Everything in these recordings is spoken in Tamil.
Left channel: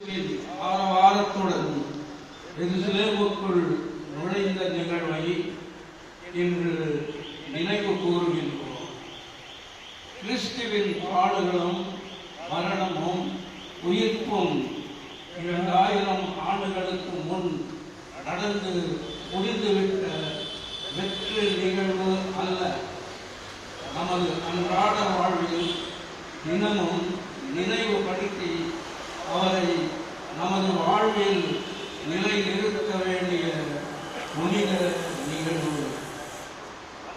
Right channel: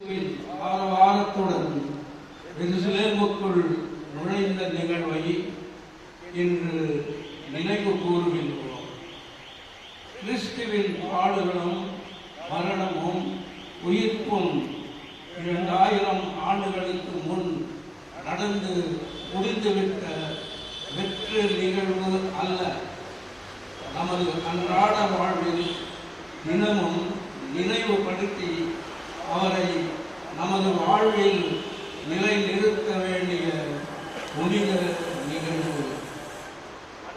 ஆரவாரத்துடன் எருசலேமுக்குள் நுழைந்த நிகழ்வை இன்று நினைவு கூறுகின்றோம். கிறிஸ்துவின் பாடுகளும் மரணமும் உயிர்ப்பும் 2000 ஆண்டுகளுக்கு முன் நடந்து முடிந்துவிட்ட வெற்று நிகழ்வு அல்ல. நமது அன்றாட வாழ்வில் தினமும் நினைவுபடுத்தி அவரை நமது வாழ்வில் நிலைநிறுத்த வேண்டிய புனித நிகழ்வு.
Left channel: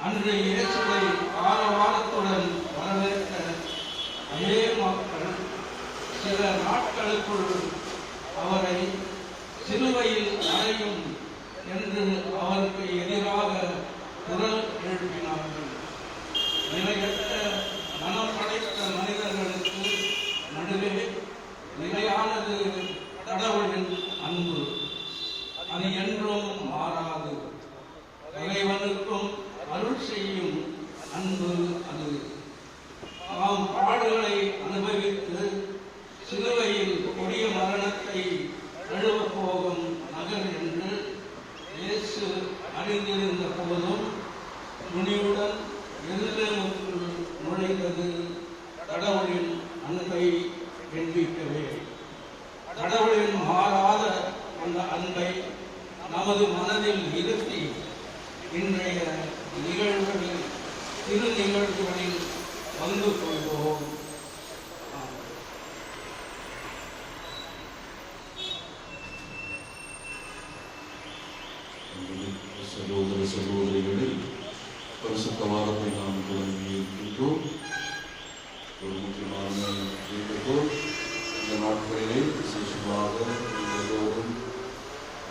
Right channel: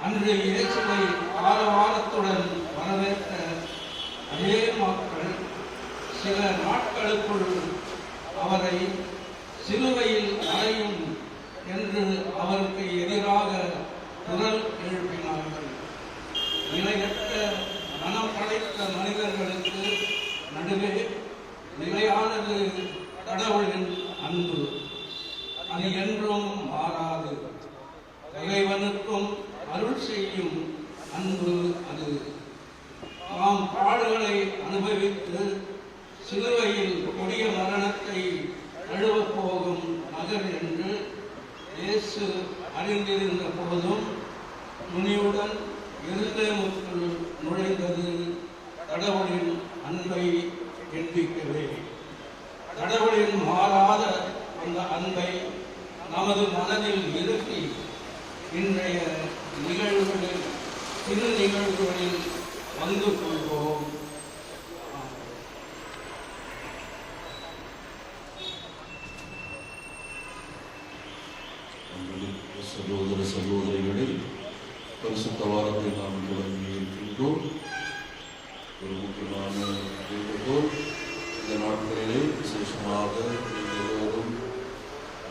அன்று இயேசுவை ஆரவாரத்துடன் வரவேற்ற அதே மக்கள் சில நாட்களுக்குள் அவரை சிலுவையில் அறையும் என்று அவருக்கு எதிராக குரல் எழுப்பினார்கள். நிலையற்ற மனம் படைத்த மனிதர்களுக்கு நடுவே நிலையானது கடவுளின் அன்பு. அது என்றும் மாறாது. பகைவனுக்கும் அருள் செய்யும் அன்பு அது. நாம் பாடுகளை அனுபவித்து சிலுவையில் கொடிய மரணத்தை தழுவப் போகும் நகர் என்று இயேசு அறிந்திருந்த போதும் துணிவுடன் எருசலேமுக்குள் நுழைந்தது கடவுளின் அன்பை எண்பிக்கவே. கடவுளின் மாறாத அந்த அன்பை நமது மனதில் இருத்தி இன்றைய நிகழ்வுகளில் திரு நிகழ்வுகளில் பங்கு கொள்வோம். சகோதர சகோதரிகளை பரிசுத்த வாரத்தை நாம் தொடங்கி இருக்கின்றோம். ஒரு முக்கியமான வேண்டுகோள், இந்த நாட்களிலே விசேஷமாக எல்லோரும்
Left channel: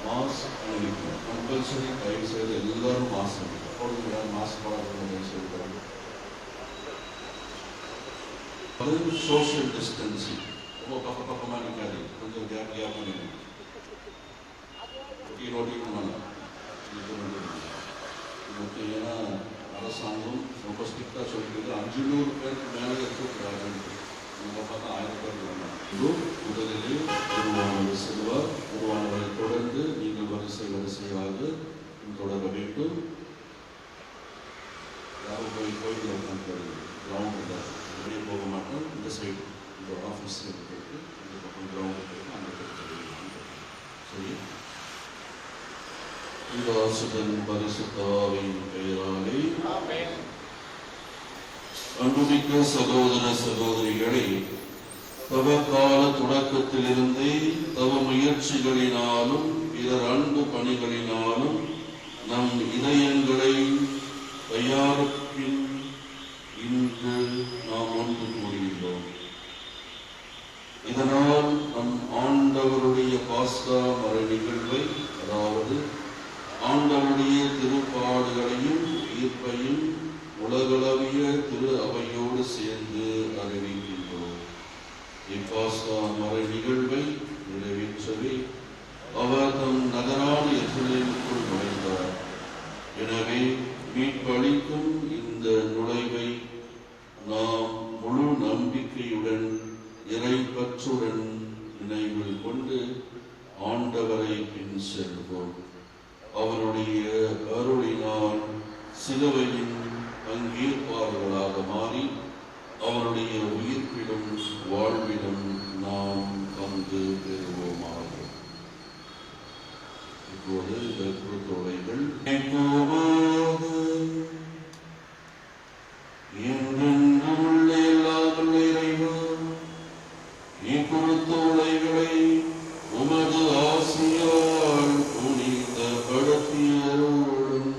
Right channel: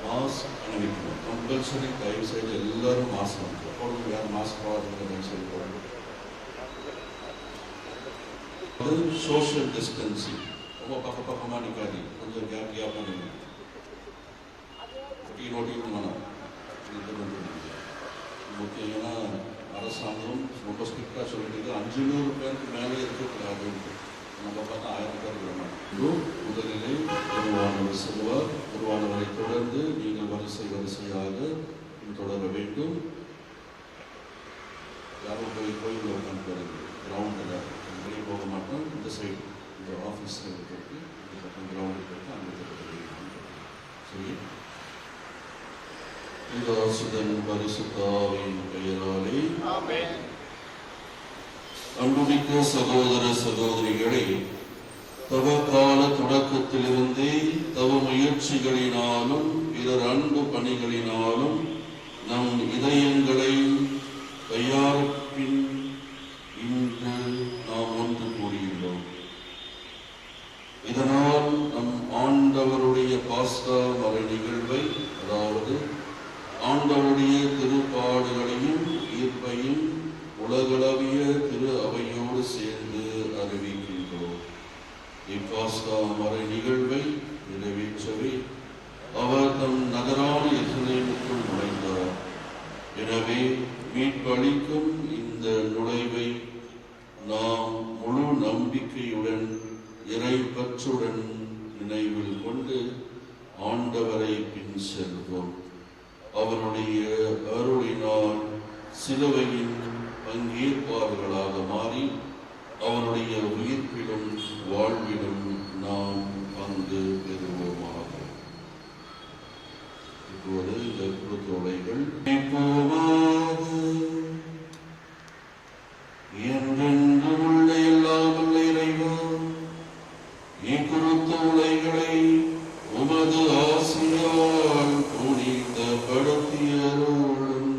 மாஸ்க் அணிவிக்கணும். கம்பல்சரி தயவு செய்து எல்லாரும் மாஸ்க் அணிக்கணும். அப்பொழுது யாரும் மாஸ்க் போடாத தயவு செய்து போடணும். அது சோஷியல் டிஸ்டன்சிங். ரொம்ப பக்கமாக நிற்காது, கொஞ்சம் கேப் நிற்கணும். நோட்டிக்கணும். ஏன்னா அரசாங்கம் ரொம்ப ஸ்ட்ரிக்டாக சொல்லிட்டு 500 பேருக்கு மேலே இருக்கக்கூடாது. நம்ம பார்த்தா 1000 பேர் வேணும். முதலிலே குருவானவர் செல்வார். குருவானவரை தொடர்ந்து நீங்கள் வரிசையாக தொடர வேண்டும். யாரும் கோயில் இருக்காங்க கிரவுண்ட் தான் வெளியே போக மாட்டோம். இந்த சைடு இந்த ஆஃபீஸ் இருக்கு, இந்த பக்கம் கிரவுண்டு போயிட்டு அங்கே சரி. பிதாசுதன் பரிசுத்தாவின் பெயராலே ஆமென். அன்புமிக்க சகோதர சகோதரிகளை, தவக்கால தொடக்கத்திலிருந்தே தவ முயற்சிகளினாலும் பிறர் அன்பு பணிகளினாலும் நம் இதயங்களை தயாரிப்பின் இன்று நாம் ஒன்று கூடியுள்ளோம். இதனால் நம் ஆண்டவருடைய பாஸ்கா மர நிகழ்வை, அதாவது ஆண்டவருடைய திருப்பாடுகளையும் ஈர்ப்பையும் உலகளவிய திரு அவையோடு சேர்ந்து அறிவிக்கின்றோம். இப்பாஸ்கா மர நிகழ்வை நிறைவேற்றவே அவர் தம் நகரான எருசலேமுக்குள் நுழைந்தார். எனவே மீட்பளிக்கும் இந்த நுழைவை நாம் முழு நம்பிக்கையுடன் இறைப்பற்றுடன் நினைவில் கொண்டு ஆண்டவரை பின் செல்வோம். அவருடைய அருளினால் சிலுவையின் பங்கேற்பாளர்களாக மாறி அவருடைய உயிர்ப்பிலும் வாழ்விலும் நாம் பங்கு பெறுவோமாக. இப்போது இந்த திருத்தொடைகள் என்றென்றும் உள்ள எல்லாம் இறைவா, இக்குழுத்த உலைகளை உமது ஆசியால் புனிதப்படுத்தியருளும்.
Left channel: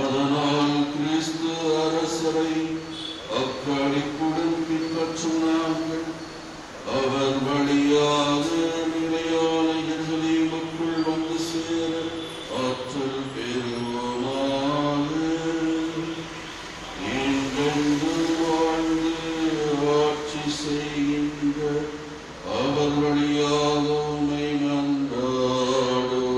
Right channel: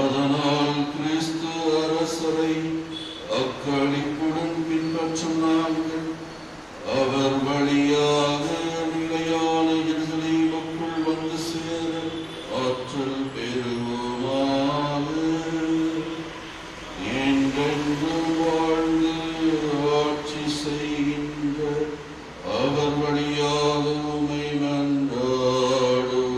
அதனால் கிறிஸ்து அரசரை அக்களிப்புடன் பின்பற்றும் நாங்கள் அவர் வழியாக நிலையான எருசலேமுக்குள் வந்து சேர ஆற்றல் பெறுவோமாக. என்றென்று வாழ்ந்து ஆட்சி செய்கின்ற அவர் வழியாக உம்மை மன்றாடுகின்றோம்.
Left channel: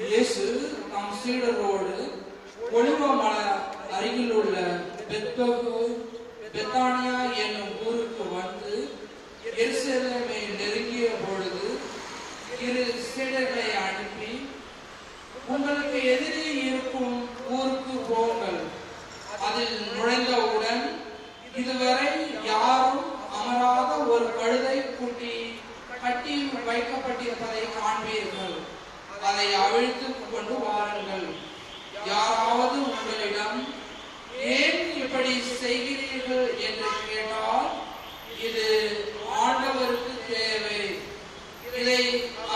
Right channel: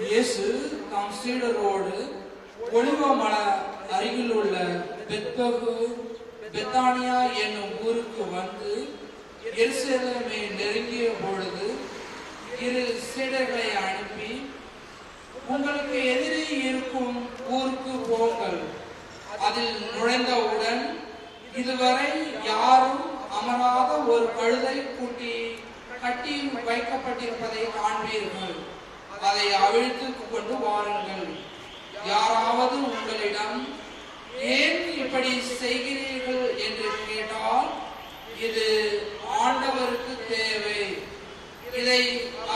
இயேசு தாம் சீடரோடு ஒலிவ மலை அருகில் உள்ள பெத்தானியா என்னும் ஊருக்கு வந்து எருசலேமை நெருங்கிய பொழுது இரு சீடர்களை அனுப்பி, உங்களுக்கு எதிரே இருக்கும் ஊருக்கு போங்கள். அதில் நுழைந்தவுடன் இதுவரை யாரும் அமராத ஒரு கழுதை குட்டி கட்டி வைக்கப்பட்டிருப்பதை காண்பீர்கள். அதை அவிழ்த்து கொண்டு வாருங்கள். யாராவது உங்களிடம் ஏன் இப்படி செய்கிறீர்கள் என்று கேட்டால், இது ஆண்டவருக்கு தேவை, இதை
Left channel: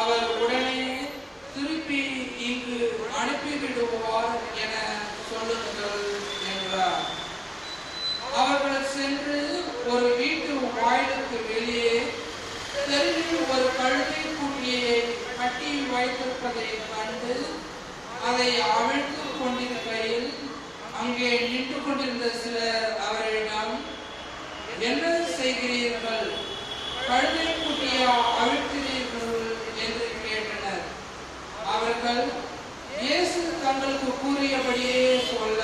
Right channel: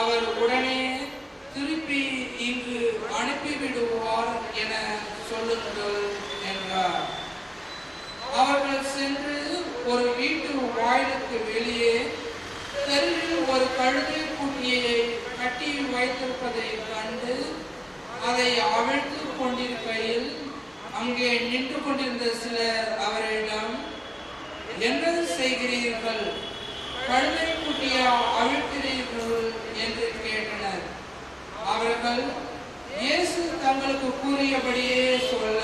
அவர் உடனே திருப்பி இங்கு அனுப்பிவிடுவார் என சொல்லுங்கள் என்றார். அவர்கள் சென்று ஒரு வீட்டு வாயிலுக்கு வெளியே தெருவில் ஒரு கழுதை குட்டியை கட்டி வைத்திருப்பதை கண்டு அதை அவிழ்த்து கொண்டிருக்கையில் அங்கே நின்று கொண்டிருந்த சிலர் அவரிடம், என்ன செய்கிறீர்கள்? கழுதை குட்டியை அவிழ்க்கிறீர்கள் என்று கேட்டனர். அவர்கள் இயேசு தங்களுக்கு கூறியபடியே சொல்ல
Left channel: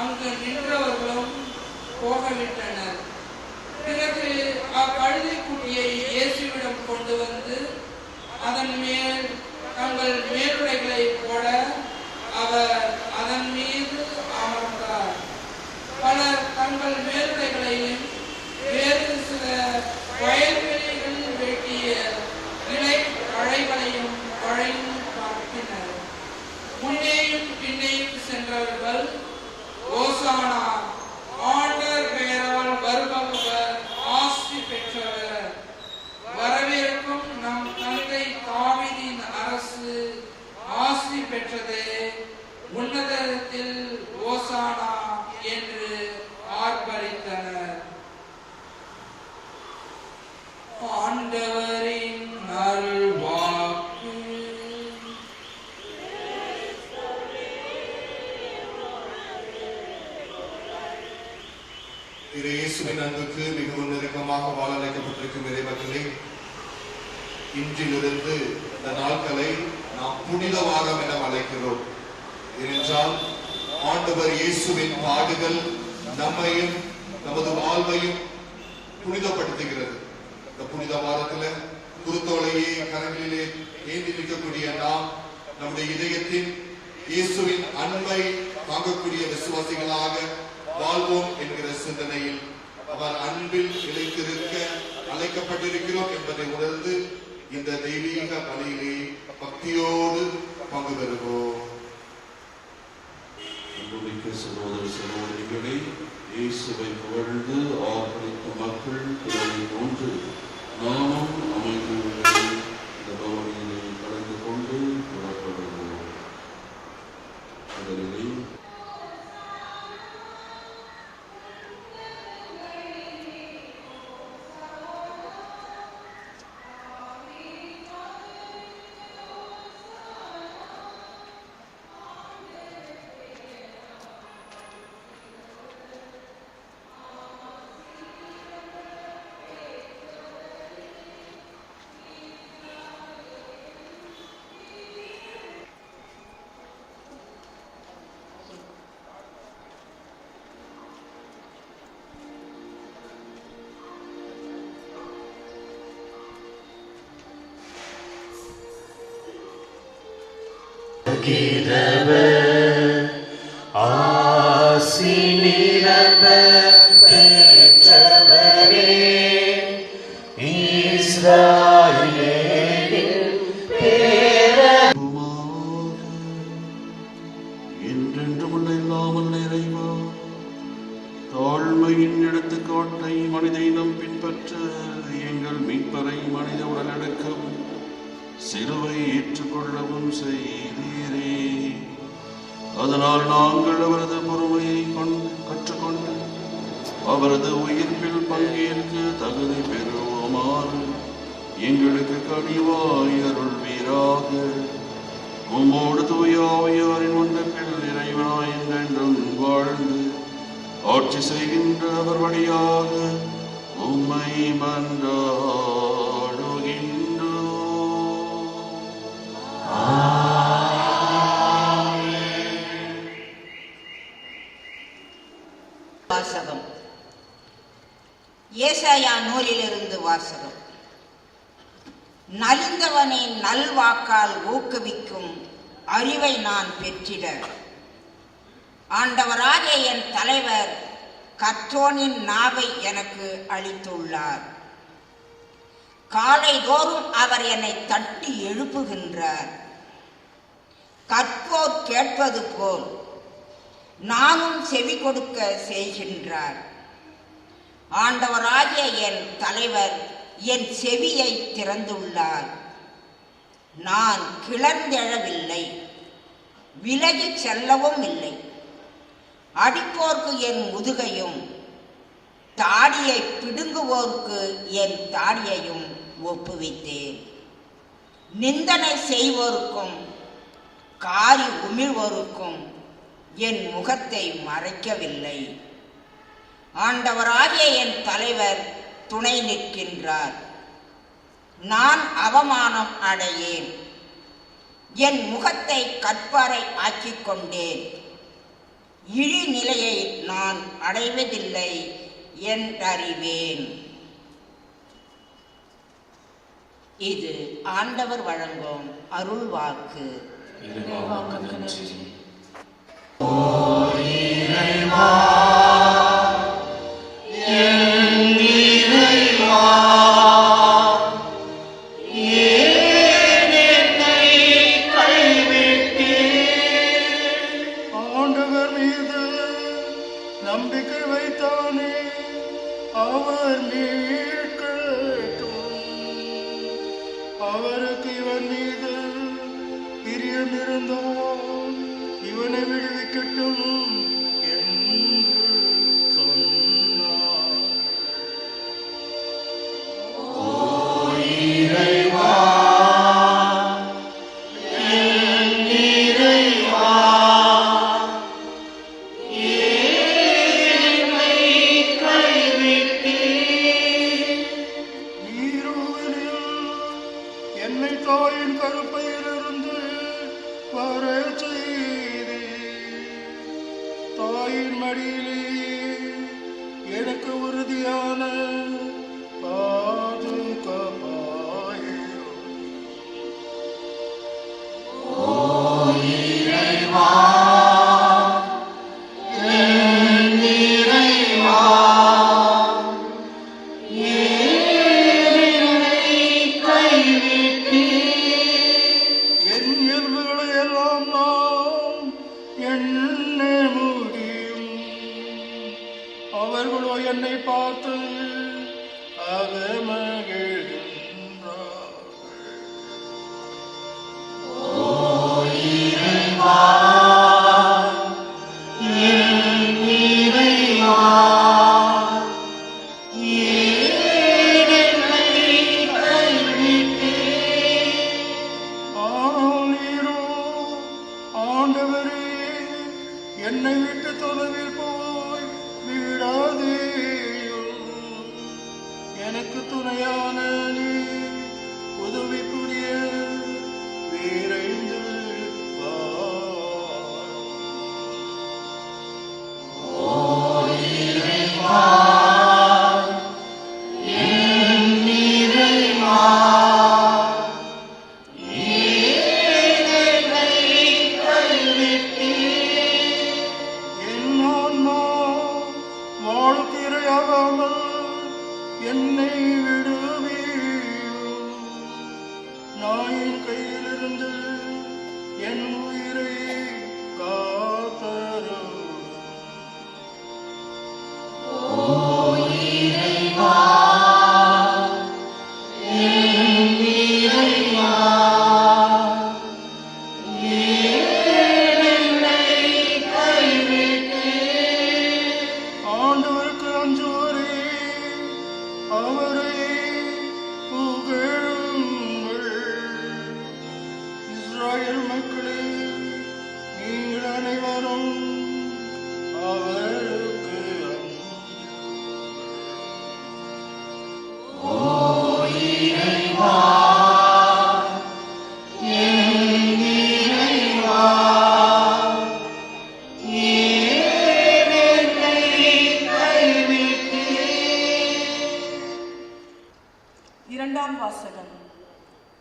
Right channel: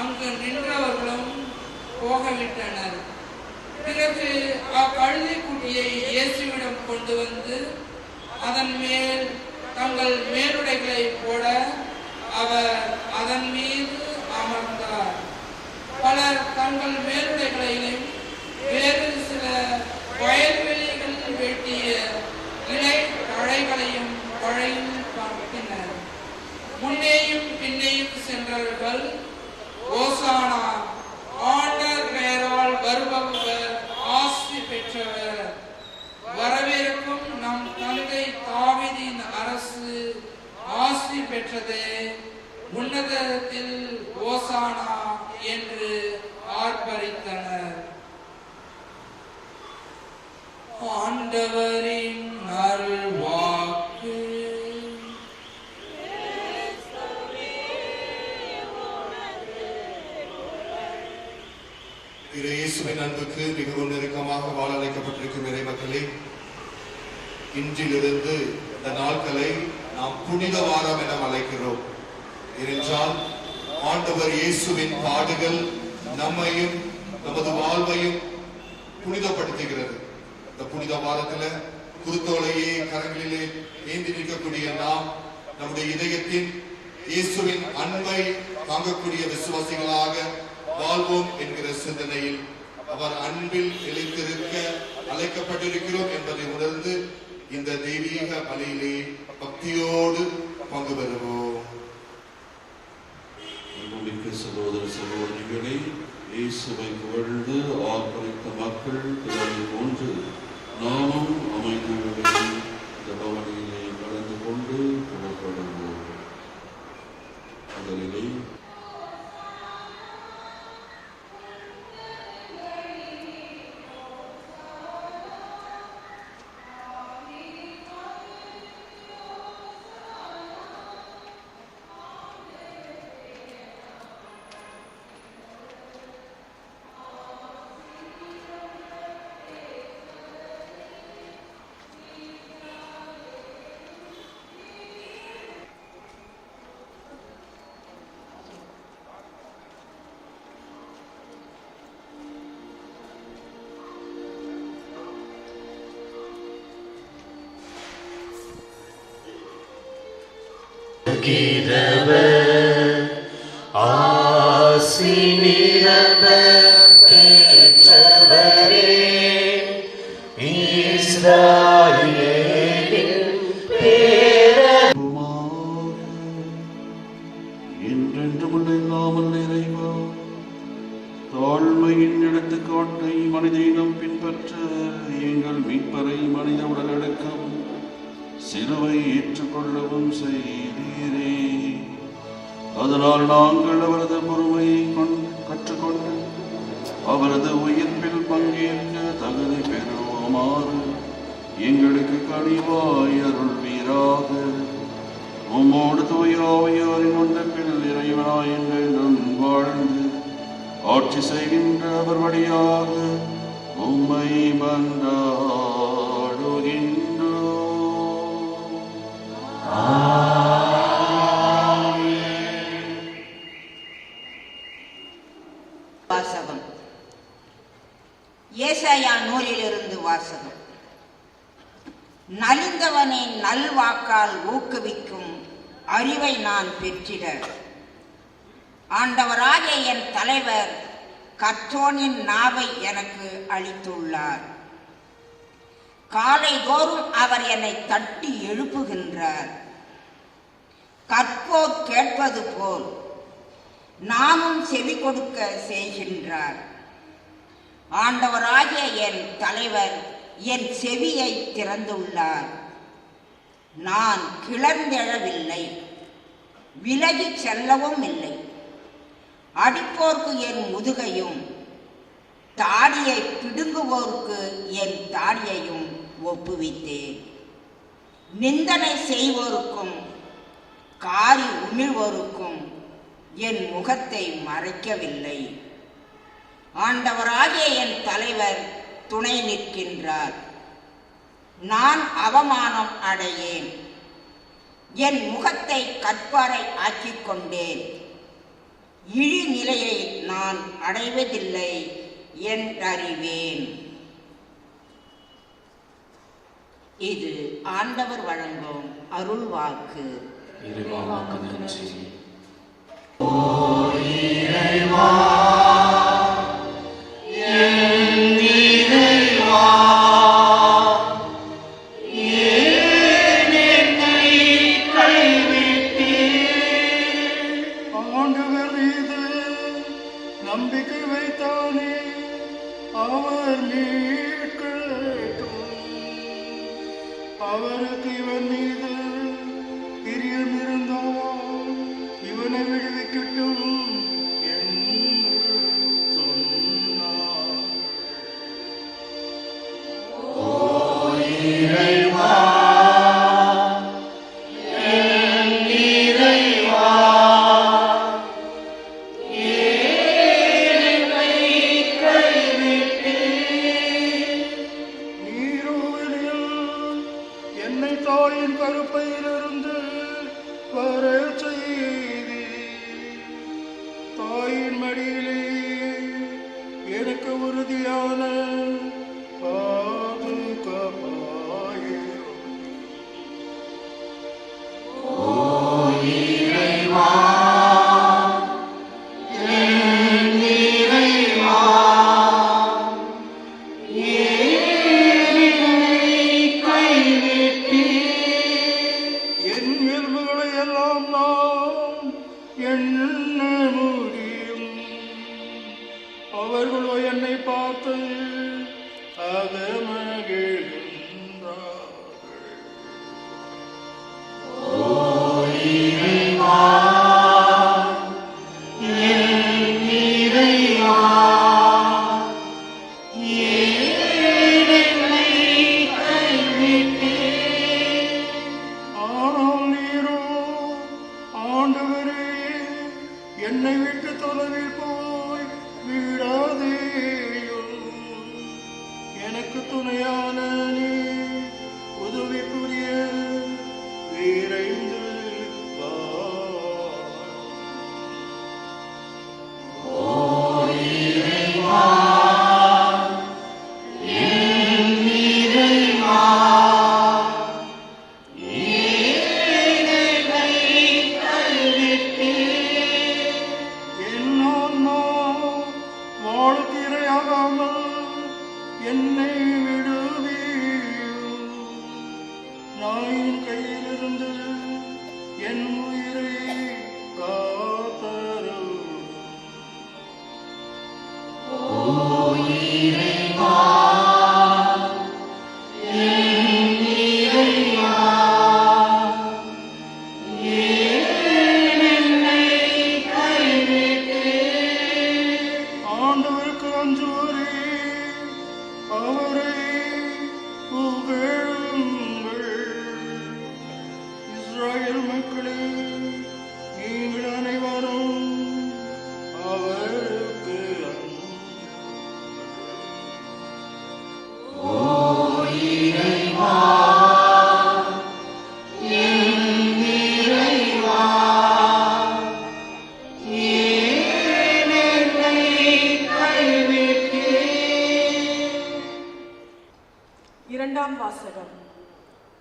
அங்கு நின்றவர்களும் போகவிட்டனர். பிறகு அக்கழுதை குட்டியை இயேசுவிடம் கொண்டு வந்து அதன் மேல் தங்கள் மேலுடைகளை போட அவர் அதன் மீது அமர்ந்தார். பலர் தங்கள் மேலுடைகளையும் வேறு சில வயல்வெளிகளில் வெட்டிய இலை தழைகளையும் வளையும் பார்த்தினர். முன்னேயும் பின்னேயும் சென்றவர்கள், ஓசானா, ஆண்டவர் பெயரால் வருபவர் ஆசி பெற்றவர், வரவிருக்கும் நம் தந்தை தாவீதின் அரசு ஆசி பெற்றதே, உன்னதத்தில் ஓசானா என்று ஆர்ப்பரித்தனர். ஆண்டவரின் அருள் வாக்கு. இயேசுவின் அன்புக்கு மிகவும் நெருக்கமாக வாழ வைக்கப்பட்டிருக்கும் இறைமக்களே, இன்றிலிருந்து இந்த நாட்களை நாம் புனித வாரம் என அழைக்கிறோம். ஏனென்றால் ஆண்டவர் இயேசுவின் பாடுகள் நம்மையும் நமது வாழ்வையும் புனிதப்படுத்துகிறது. இந்த புனித வாரத்துல குருத்தோலையே கரங்களிலே ஏந்தி நிற்கக்கூடிய நாம் நம்முடைய இதயத்தின் இயேசுவின் அன்பை தாங்கக்கூடிய விசுவாசிகளாக வாழ்வோம் என்கிற சிந்தனையில் அவர் அன்பில் நிலைத்திருக்க அழைக்கப்பட்டிருக்கிறோம் என்பதை உணர்ந்து இந்த தெய்வீக பணியிலே பக்தியோடு பங்கு பெறுவோம். அன்புமிக்க சகோதர சகோதரிகளை, இயேசுவை புகழ்ந்து ஆர்ப்பரித்த மக்கள் திரளை போன்று நாமும் அமைதியுடன் இந்த பவனியிலே கலந்து கொண்டு புறப்படுவோம். முதலிலே ஆசி நிரம்ப பெற்றவரே, இஸ்ராயேலின் பேரன் என்றென்றும் இல்லாமல் இறைவா, தாழ்மையின் எடுத்துக்காட்டை மனிதனும் பின்பற்ற எங்கள் மீட்பரை மனித உடலடக்கம் சிலுவை ஏற்றுக்கொள்ளவும் செய்தீரே. அதனால் நாங்கள் அவரது பொறுமையை கற்றுக்கொண்டு அவரது உயிர்ப்பில் பங்கேற்க தகுதி பெறுமாறு எங்களுக்கு கனிவாய் அருள்வீராக. உம்மோடு தூய ஆவியாரின் ஒன்றில் இறைவனாய் என்றென்றும் வாழ்ந்து ஆட்சி செய்கின்ற அவர் வழியாக உம்மை மன்றாடுகின்றோம். வாசகம். ஏசாயா நூலிலிருந்து வாசகம். நலிந்தவனை நல்வாக்கால் ஊக்குவிக்கும் அறிவை நான் பெற்றிட ஆண்டவராகிய என் தலைவர் கர்த்தோனின் நாவை எனக்கு அளித்துள்ளார். காலைதோறும் அவர் என்னை தட்டி எழுப்புகின்றார். கற்போர் கேட்பது போல் நானும் செவி கொடுக்க செய்கின்றார். ஆண்டவராகிய என் தலைவர் என் செவியை திறந்துள்ளார். நான் கிளர்ந்தெழவில்லை, விலகி செல்லவும் இல்லை. அடிப்போர்க்கு என் முதுகையும் தாடியை பிடுங்குவோருக்கு என் தாடியையும் ஒப்புவித்தேன். நிந்தனை செய்வோருக்கும் காரி உமிழ்வோருக்கும் என் முகத்தை மறைக்கவில்லை. ஆண்டவராகிய என் தலைவர் துணை நிற்கின்றார். நான் அவமானம் அடையேன். என் முகத்தை கற்பாரை ஆக்கிக் கொண்டேன். இழிநிலையை நான் அடைவதில்லை என்றறிவேன். இது ஆண்டவர் வழங்கும் அருள்வாக்கு. நம்பிக்கை வைத்தானே அவர் மீட்கட்டும். அவருக்கு இவன் மீது பிரியம் இருந்தால் இவனை விடுவிக்கட்டும் என்றார்.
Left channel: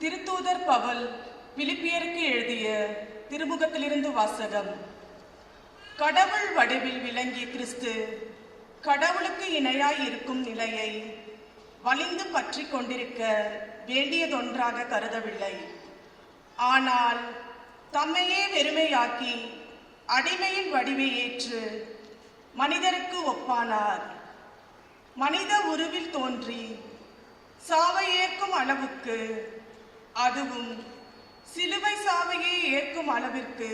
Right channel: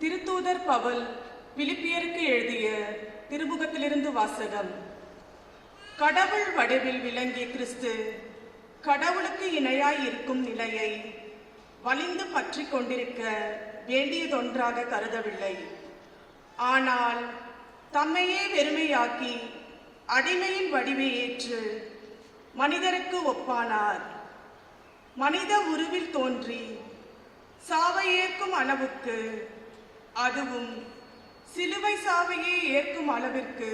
திருத்தூதர் பவுல் பிலிப்பியருக்கு எழுதிய திருமுகத்திலிருந்து வாசகம். கடவுள் வடிவில் விளங்கிய கிறிஸ்து கடவுளுக்கு இணையாய் இருக்கும் நிலையை வலிந்து பற்றி கொண்டிருக்க வேண்டியதொன்றாக கருதவில்லை. ஆனால் தம்மையே வெறுமையாக்கி அடிமையின் வடிவை ஏற்று மனிதருக்கு ஒப்பானார். மனித உருவில் தோன்றி சாவை ஏற்கும் அளவுக்கு, அதுவும் சிலுவை சாவையை ஏற்கும் அளவிற்கு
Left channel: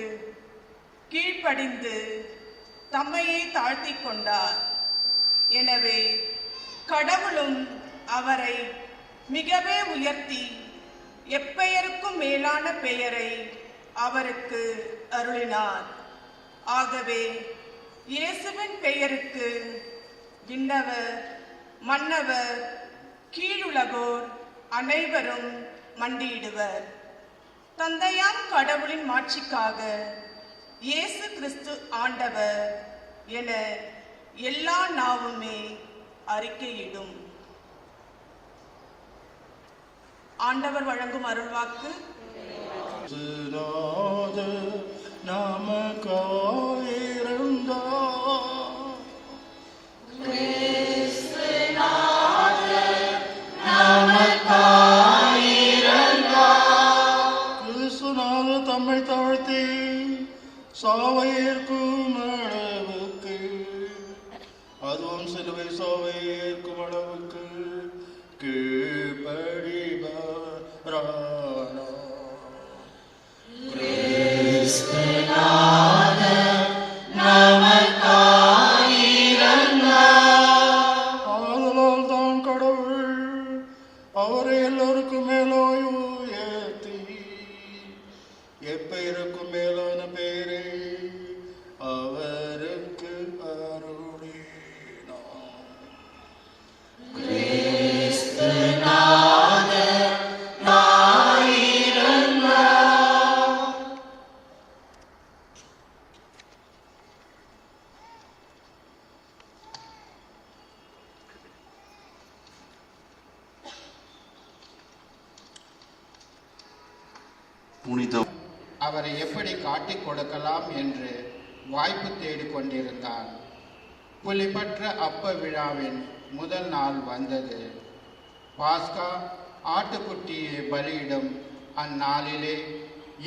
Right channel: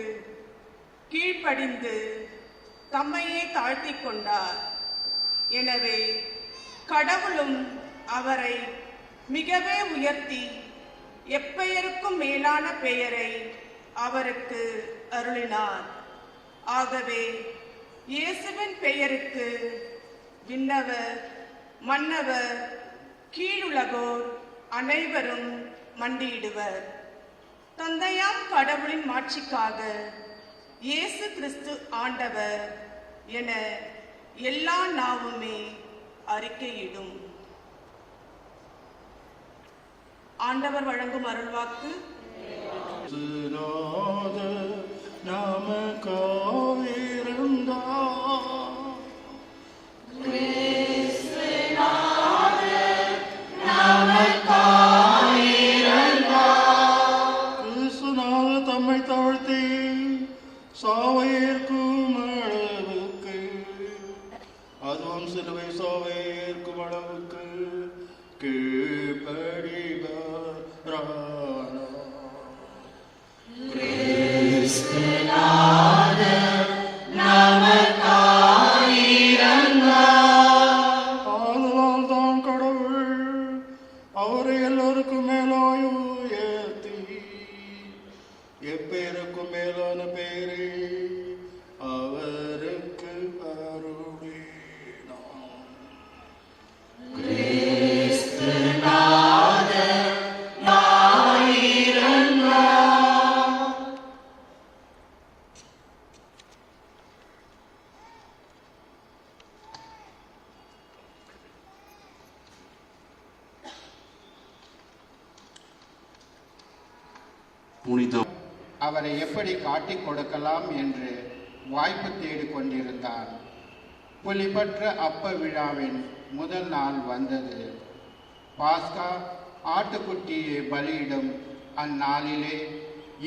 கீழ்ப்படிந்து தம்மையே தாழ்த்திக் கொண்டார். எனவே கடவுளும் அவரை மிகவே உயர்த்தி எப்பெயருக்கும் மேலான பெயரை அவருக்கு அருளினார். ஆகவே இயேசுவின் பெயருக்கு விண்ணவர், மன்னவர், கீழுலகோர் அனைவரும் மண்டியிடுவர். தந்தையாம் கடவுளின் மாட்சிக்காக இயேசு கிறிஸ்து ஆண்டவர் என எல்லா நாவுமே அறிக்கையிடும். ஆண்டவர் வழங்கும் அருள்வாக்கு. தம்மை தாழ்த்தி சாவை ஏற்கும் அளவுக்கு, அதுவும் சிலுவை சாவை ஏற்கும் அளவுக்கு ஆதலால் தான் கடவுள் அவரை எல்லாருக்கும் மேலாய் உயர்த்தி எப்பெயருக்கும் மேலான பெயரை அவருக்கு அருளினார். புனித அவரை எப்படி காட்டிக் கொடுக்கலாம் என்று வாய்ப்பு தேடிக் கொண்டிருந்தார். புலிபற்ற அப்ப விழாவின் முதல் நாள் வந்தது. பாஸ்கா ஆட்டுக்குட்டியை பலியிடும் அந்நாளிலே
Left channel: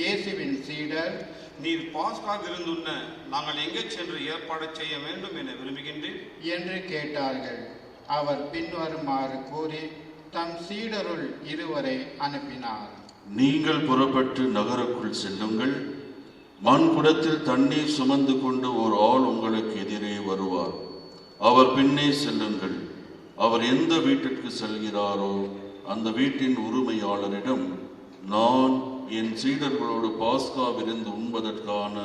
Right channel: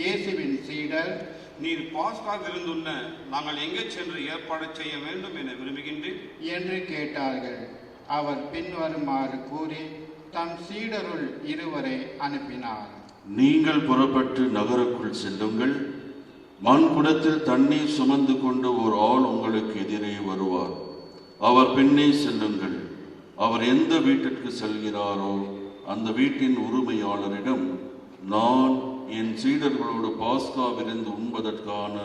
இயேசுவின் சீடர், நீர் பாஸ்கா விருந்துண்ண நாங்கள் எங்கே சென்று ஏற்பாடு செய்ய வேண்டும் என விரும்புகின்றேன் என்று கேட்டார்கள். அவர் பின்வருமாறு கூறி தம் சீடருள் இருவரை அனுப்பினார். நீங்கள் புறப்பட்டு நகருக்குள் செல்லுங்கள். மண்குடத்தில் தண்ணீர் சுமந்து கொண்டு ஒரு ஆள் உங்களுக்கு எதிரே வருவார். அவர் பின்னே செல்லுங்கள். அவர் எந்த வீட்டிற்கு செல்கிறாரோ அந்த வீட்டின் உரிமையாளரிடம், நான் என் சீடர்களோடு பாஸ்கா விருந்து உண்பதற்கான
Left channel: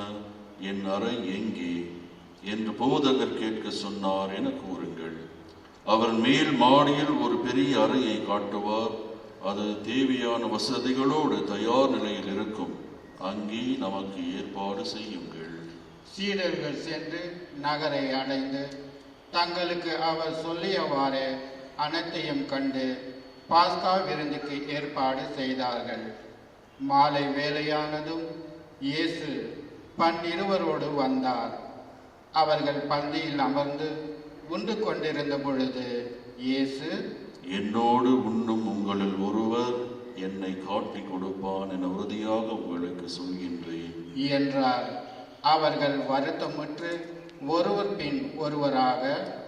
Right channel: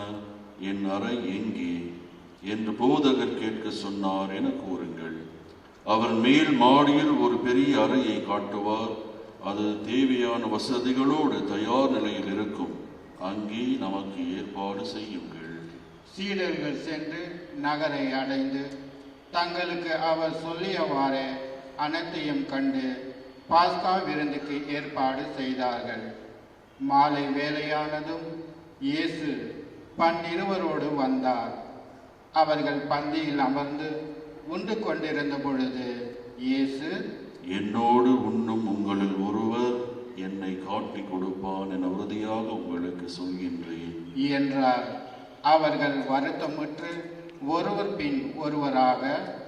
என் அறை எங்கே என்று போதகர் கேட்க சொன்னார் என கூறுங்கள். அவர் மேல் மாடியில் ஒரு பெரிய அறையை காட்டுவார். அது தேவையான வசதிகளோடு தயார் நிலையில் இருக்கும். அங்கே நமக்கு ஏற்பாடு செய்யுங்கள். சீடர்கள் சென்று நகரை அடைந்து தங்களுக்கு அவர் சொல்லியவாறே அனைத்தையும் கண்டு பாஸ்கா விருந்துக்கு ஏற்பாடு செய்தார்கள். மாலை வேளையானதும் இயேசு 12 வந்தார். அவர்கள் பந்தியில் அமர்ந்து உண்டு கொண்டிருந்த பொழுது இயேசு, என்னோடு உண்ணும் உங்களில் ஒருவர் என்னை காட்டிக் கொடுப்பான் என உறுதியாக உங்களுக்கு சொல்கின்றேன் என்றார். அவர்கள் வருத்தமுற்று ஒருவர் பின் ஒருவராக,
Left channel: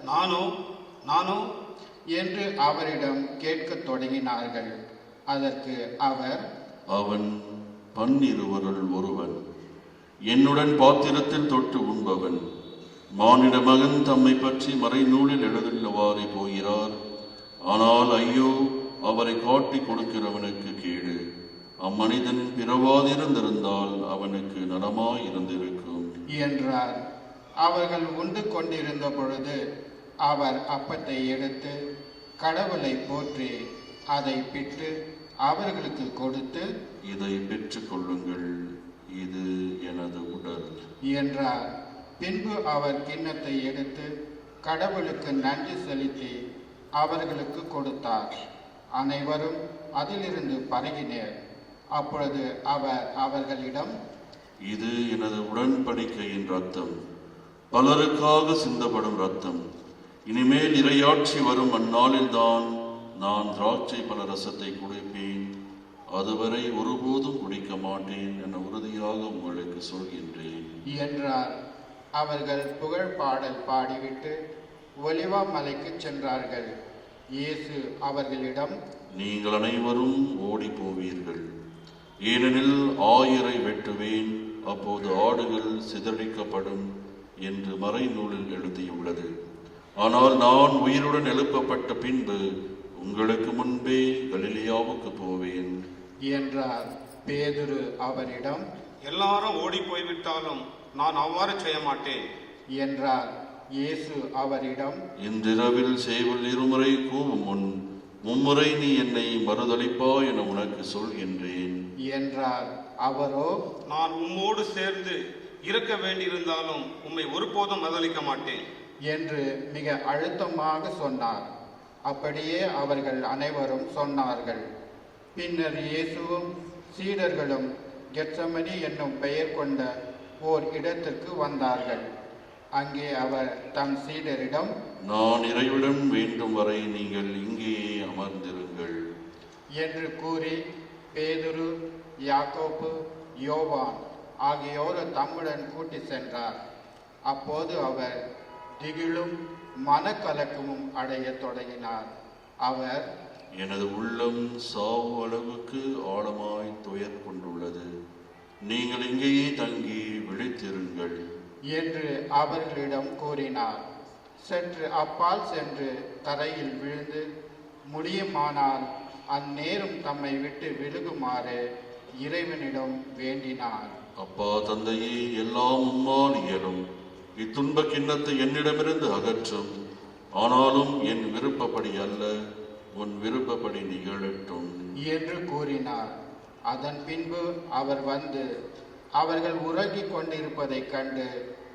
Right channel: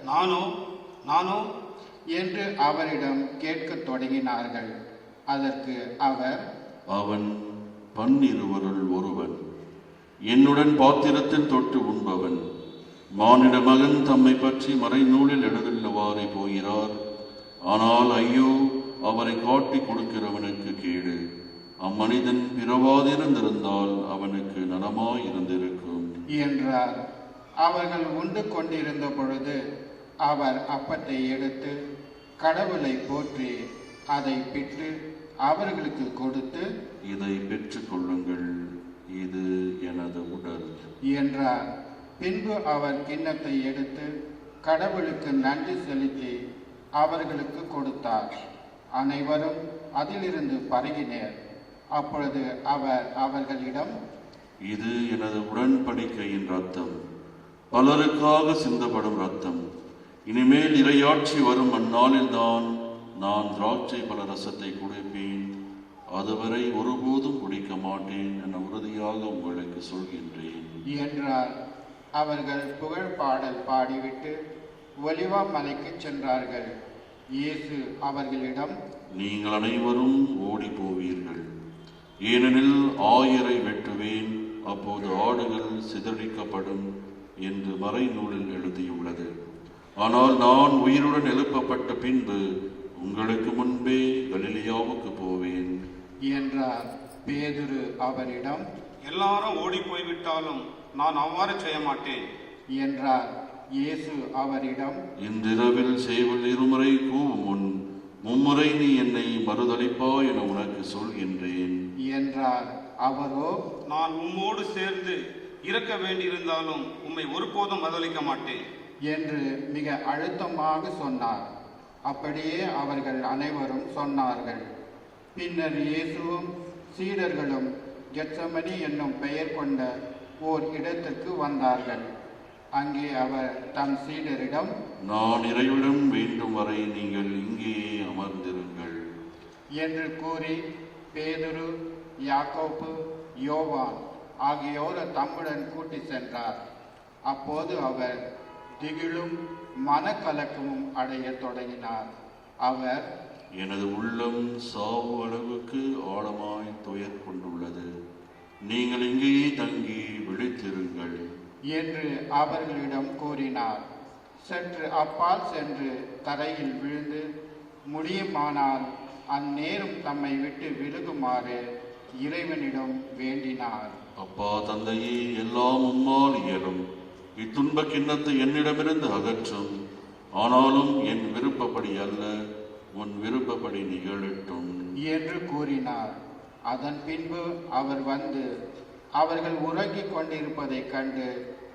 நானோ என்று அவரிடம் கேட்கத் தொடங்கினார்கள். அதற்கு அவர், அவன் 12 ஒருவன், என்னுடன் பாத்திரத்தில் தொட்டு உண்பவன். மானிட மகன் தம்மை பற்றி மறைநூலில் எழுதுள்ளவாறே போகிறார். ஆனால் ஐயோ, அவரை காட்டிக் கொடுக்கிறவனுக்கு கேடு. அம்மனிதன் பிறவாதிருந்திருந்தால் அவனுக்கு நலமாயிருந்திருக்கும் என்றார். அவர்கள் உண்டு கொண்டிருந்த பொழுது அவர் அப்பத்தை எடுத்து கடவுளை போற்றி அதை பிட்டு அவர்களுக்கு கொடுத்து, இதை பெற்றுக் கொள்ளுங்கள், இது எனது உடல் என்றார். பின்பு அவர் கிண்ணத்தை எடுத்து கடவுளுக்கு நன்றி செலுத்தி அவர்களுக்கு கொடுத்தார். அனைவரும் அதிலிருந்து பருகினர். அப்பொழுது அவர் அவர்களிடம், இது எனது உடன்படிக்கையின் ரத்தம், பலருக்காக சிந்தப்படும் ரத்தம். இனிமேல் இறையாட்சி வரும் அந்நாளில்தான் நான் திராட்சை பல ரசத்தை குடிப்பேன், அதுவரை ஒருபோதும் குடிக்க மாட்டேன் என உறுதியாக உங்களுக்கு சொல்கின்றேன் என்றார். அவர்கள் புகழ் பாடல் பாடிவிட்டு ஒலிவா மலைக்கு சென்றார்கள். இயேசு அவர்களிடம், நீங்கள் அனைவரும் ஓடி போவீர்கள், ஏனெனில் 1000 வெட்டுவேன், அப்போது ஆடுகள் சிதறிக்கப்படும் என்று மறைநூலில் எழுதியுள்ளது. ஆனால் நான் உயிருடன் எழுப்பப்பட்ட பின்பு உங்களுக்கு முன்பே கலிலியாவுக்கு போவேன் என்றார். பேதுரு அவரிடம், எல்லாரும் ஓடி போய்விட்டாலும் நான் அவ்வாறு செய்ய மாட்டேன் என்றார். இயேசு அவரிடம், இன்றிரவில் சேவல் 2 முறை கூவும் முன் 3 முறை நீ என்னை மறுதலிப்பா என உனக்கு சொல்கின்றேன் என்றார். அவரோ, நான் உம்மோடு சேர்ந்து இறக்க வேண்டியிருந்தாலும் உம்மை ஒருபோதும் மறுதலிக்க மாட்டேன் என்று மிக அழுத்தமாக சொன்னார். அப்படியே அவர்கள் அனைவரும் சொன்னார்கள். பின்னர் இயேசுவும் சீடர்களும் கெத்சமனி என்னும் பெயர் கொண்ட ஓர் இடத்திற்கு வந்தார்கள். அங்கே அவர் தம் சீடரிடம், நான் இறைவிடம் வேண்டும் வரை நீங்கள் இங்கேயே அமர்ந்திருங்கள் என்று கூறி பேதுரு, யாக்கோப்பு, யோவான் ஆகியோர் தம்முடன் கூட்டி சென்றார். அப்போது அவர் திகிலும் மனக்கலக்கமும் அடைய தொடங்கினார். அவர், எனது உள்ளம் சாவு அளவுக்கு ஆழமாய் துயர் கொண்டுள்ளது, நீங்கள் இங்கேயே தங்கி விழித்திருங்கள் என்று அவர்களிடம் கூறினார். சற்று அப்பால் சென்று தரையில் விழுந்து, முடியுமானால் அந்நேரம் தம்மை விட்டு விலகுமாறு இறைவனிடம் வேண்டினார். அப்பா தந்தையே, எல்லாம் உம்மால் இயலும், இத்துன்ப கிண்ணத்தை என்னிடமிருந்து அகற்றும், ஆனாலும் என் விருப்பப்படி அல்ல, உன் விருப்பப்படி நிகழட்டும் என்று கூறினார். அதன் பின்பு அவர் வந்து அவர்கள் உறங்கிக் கொண்டிருப்பதைக் கண்டு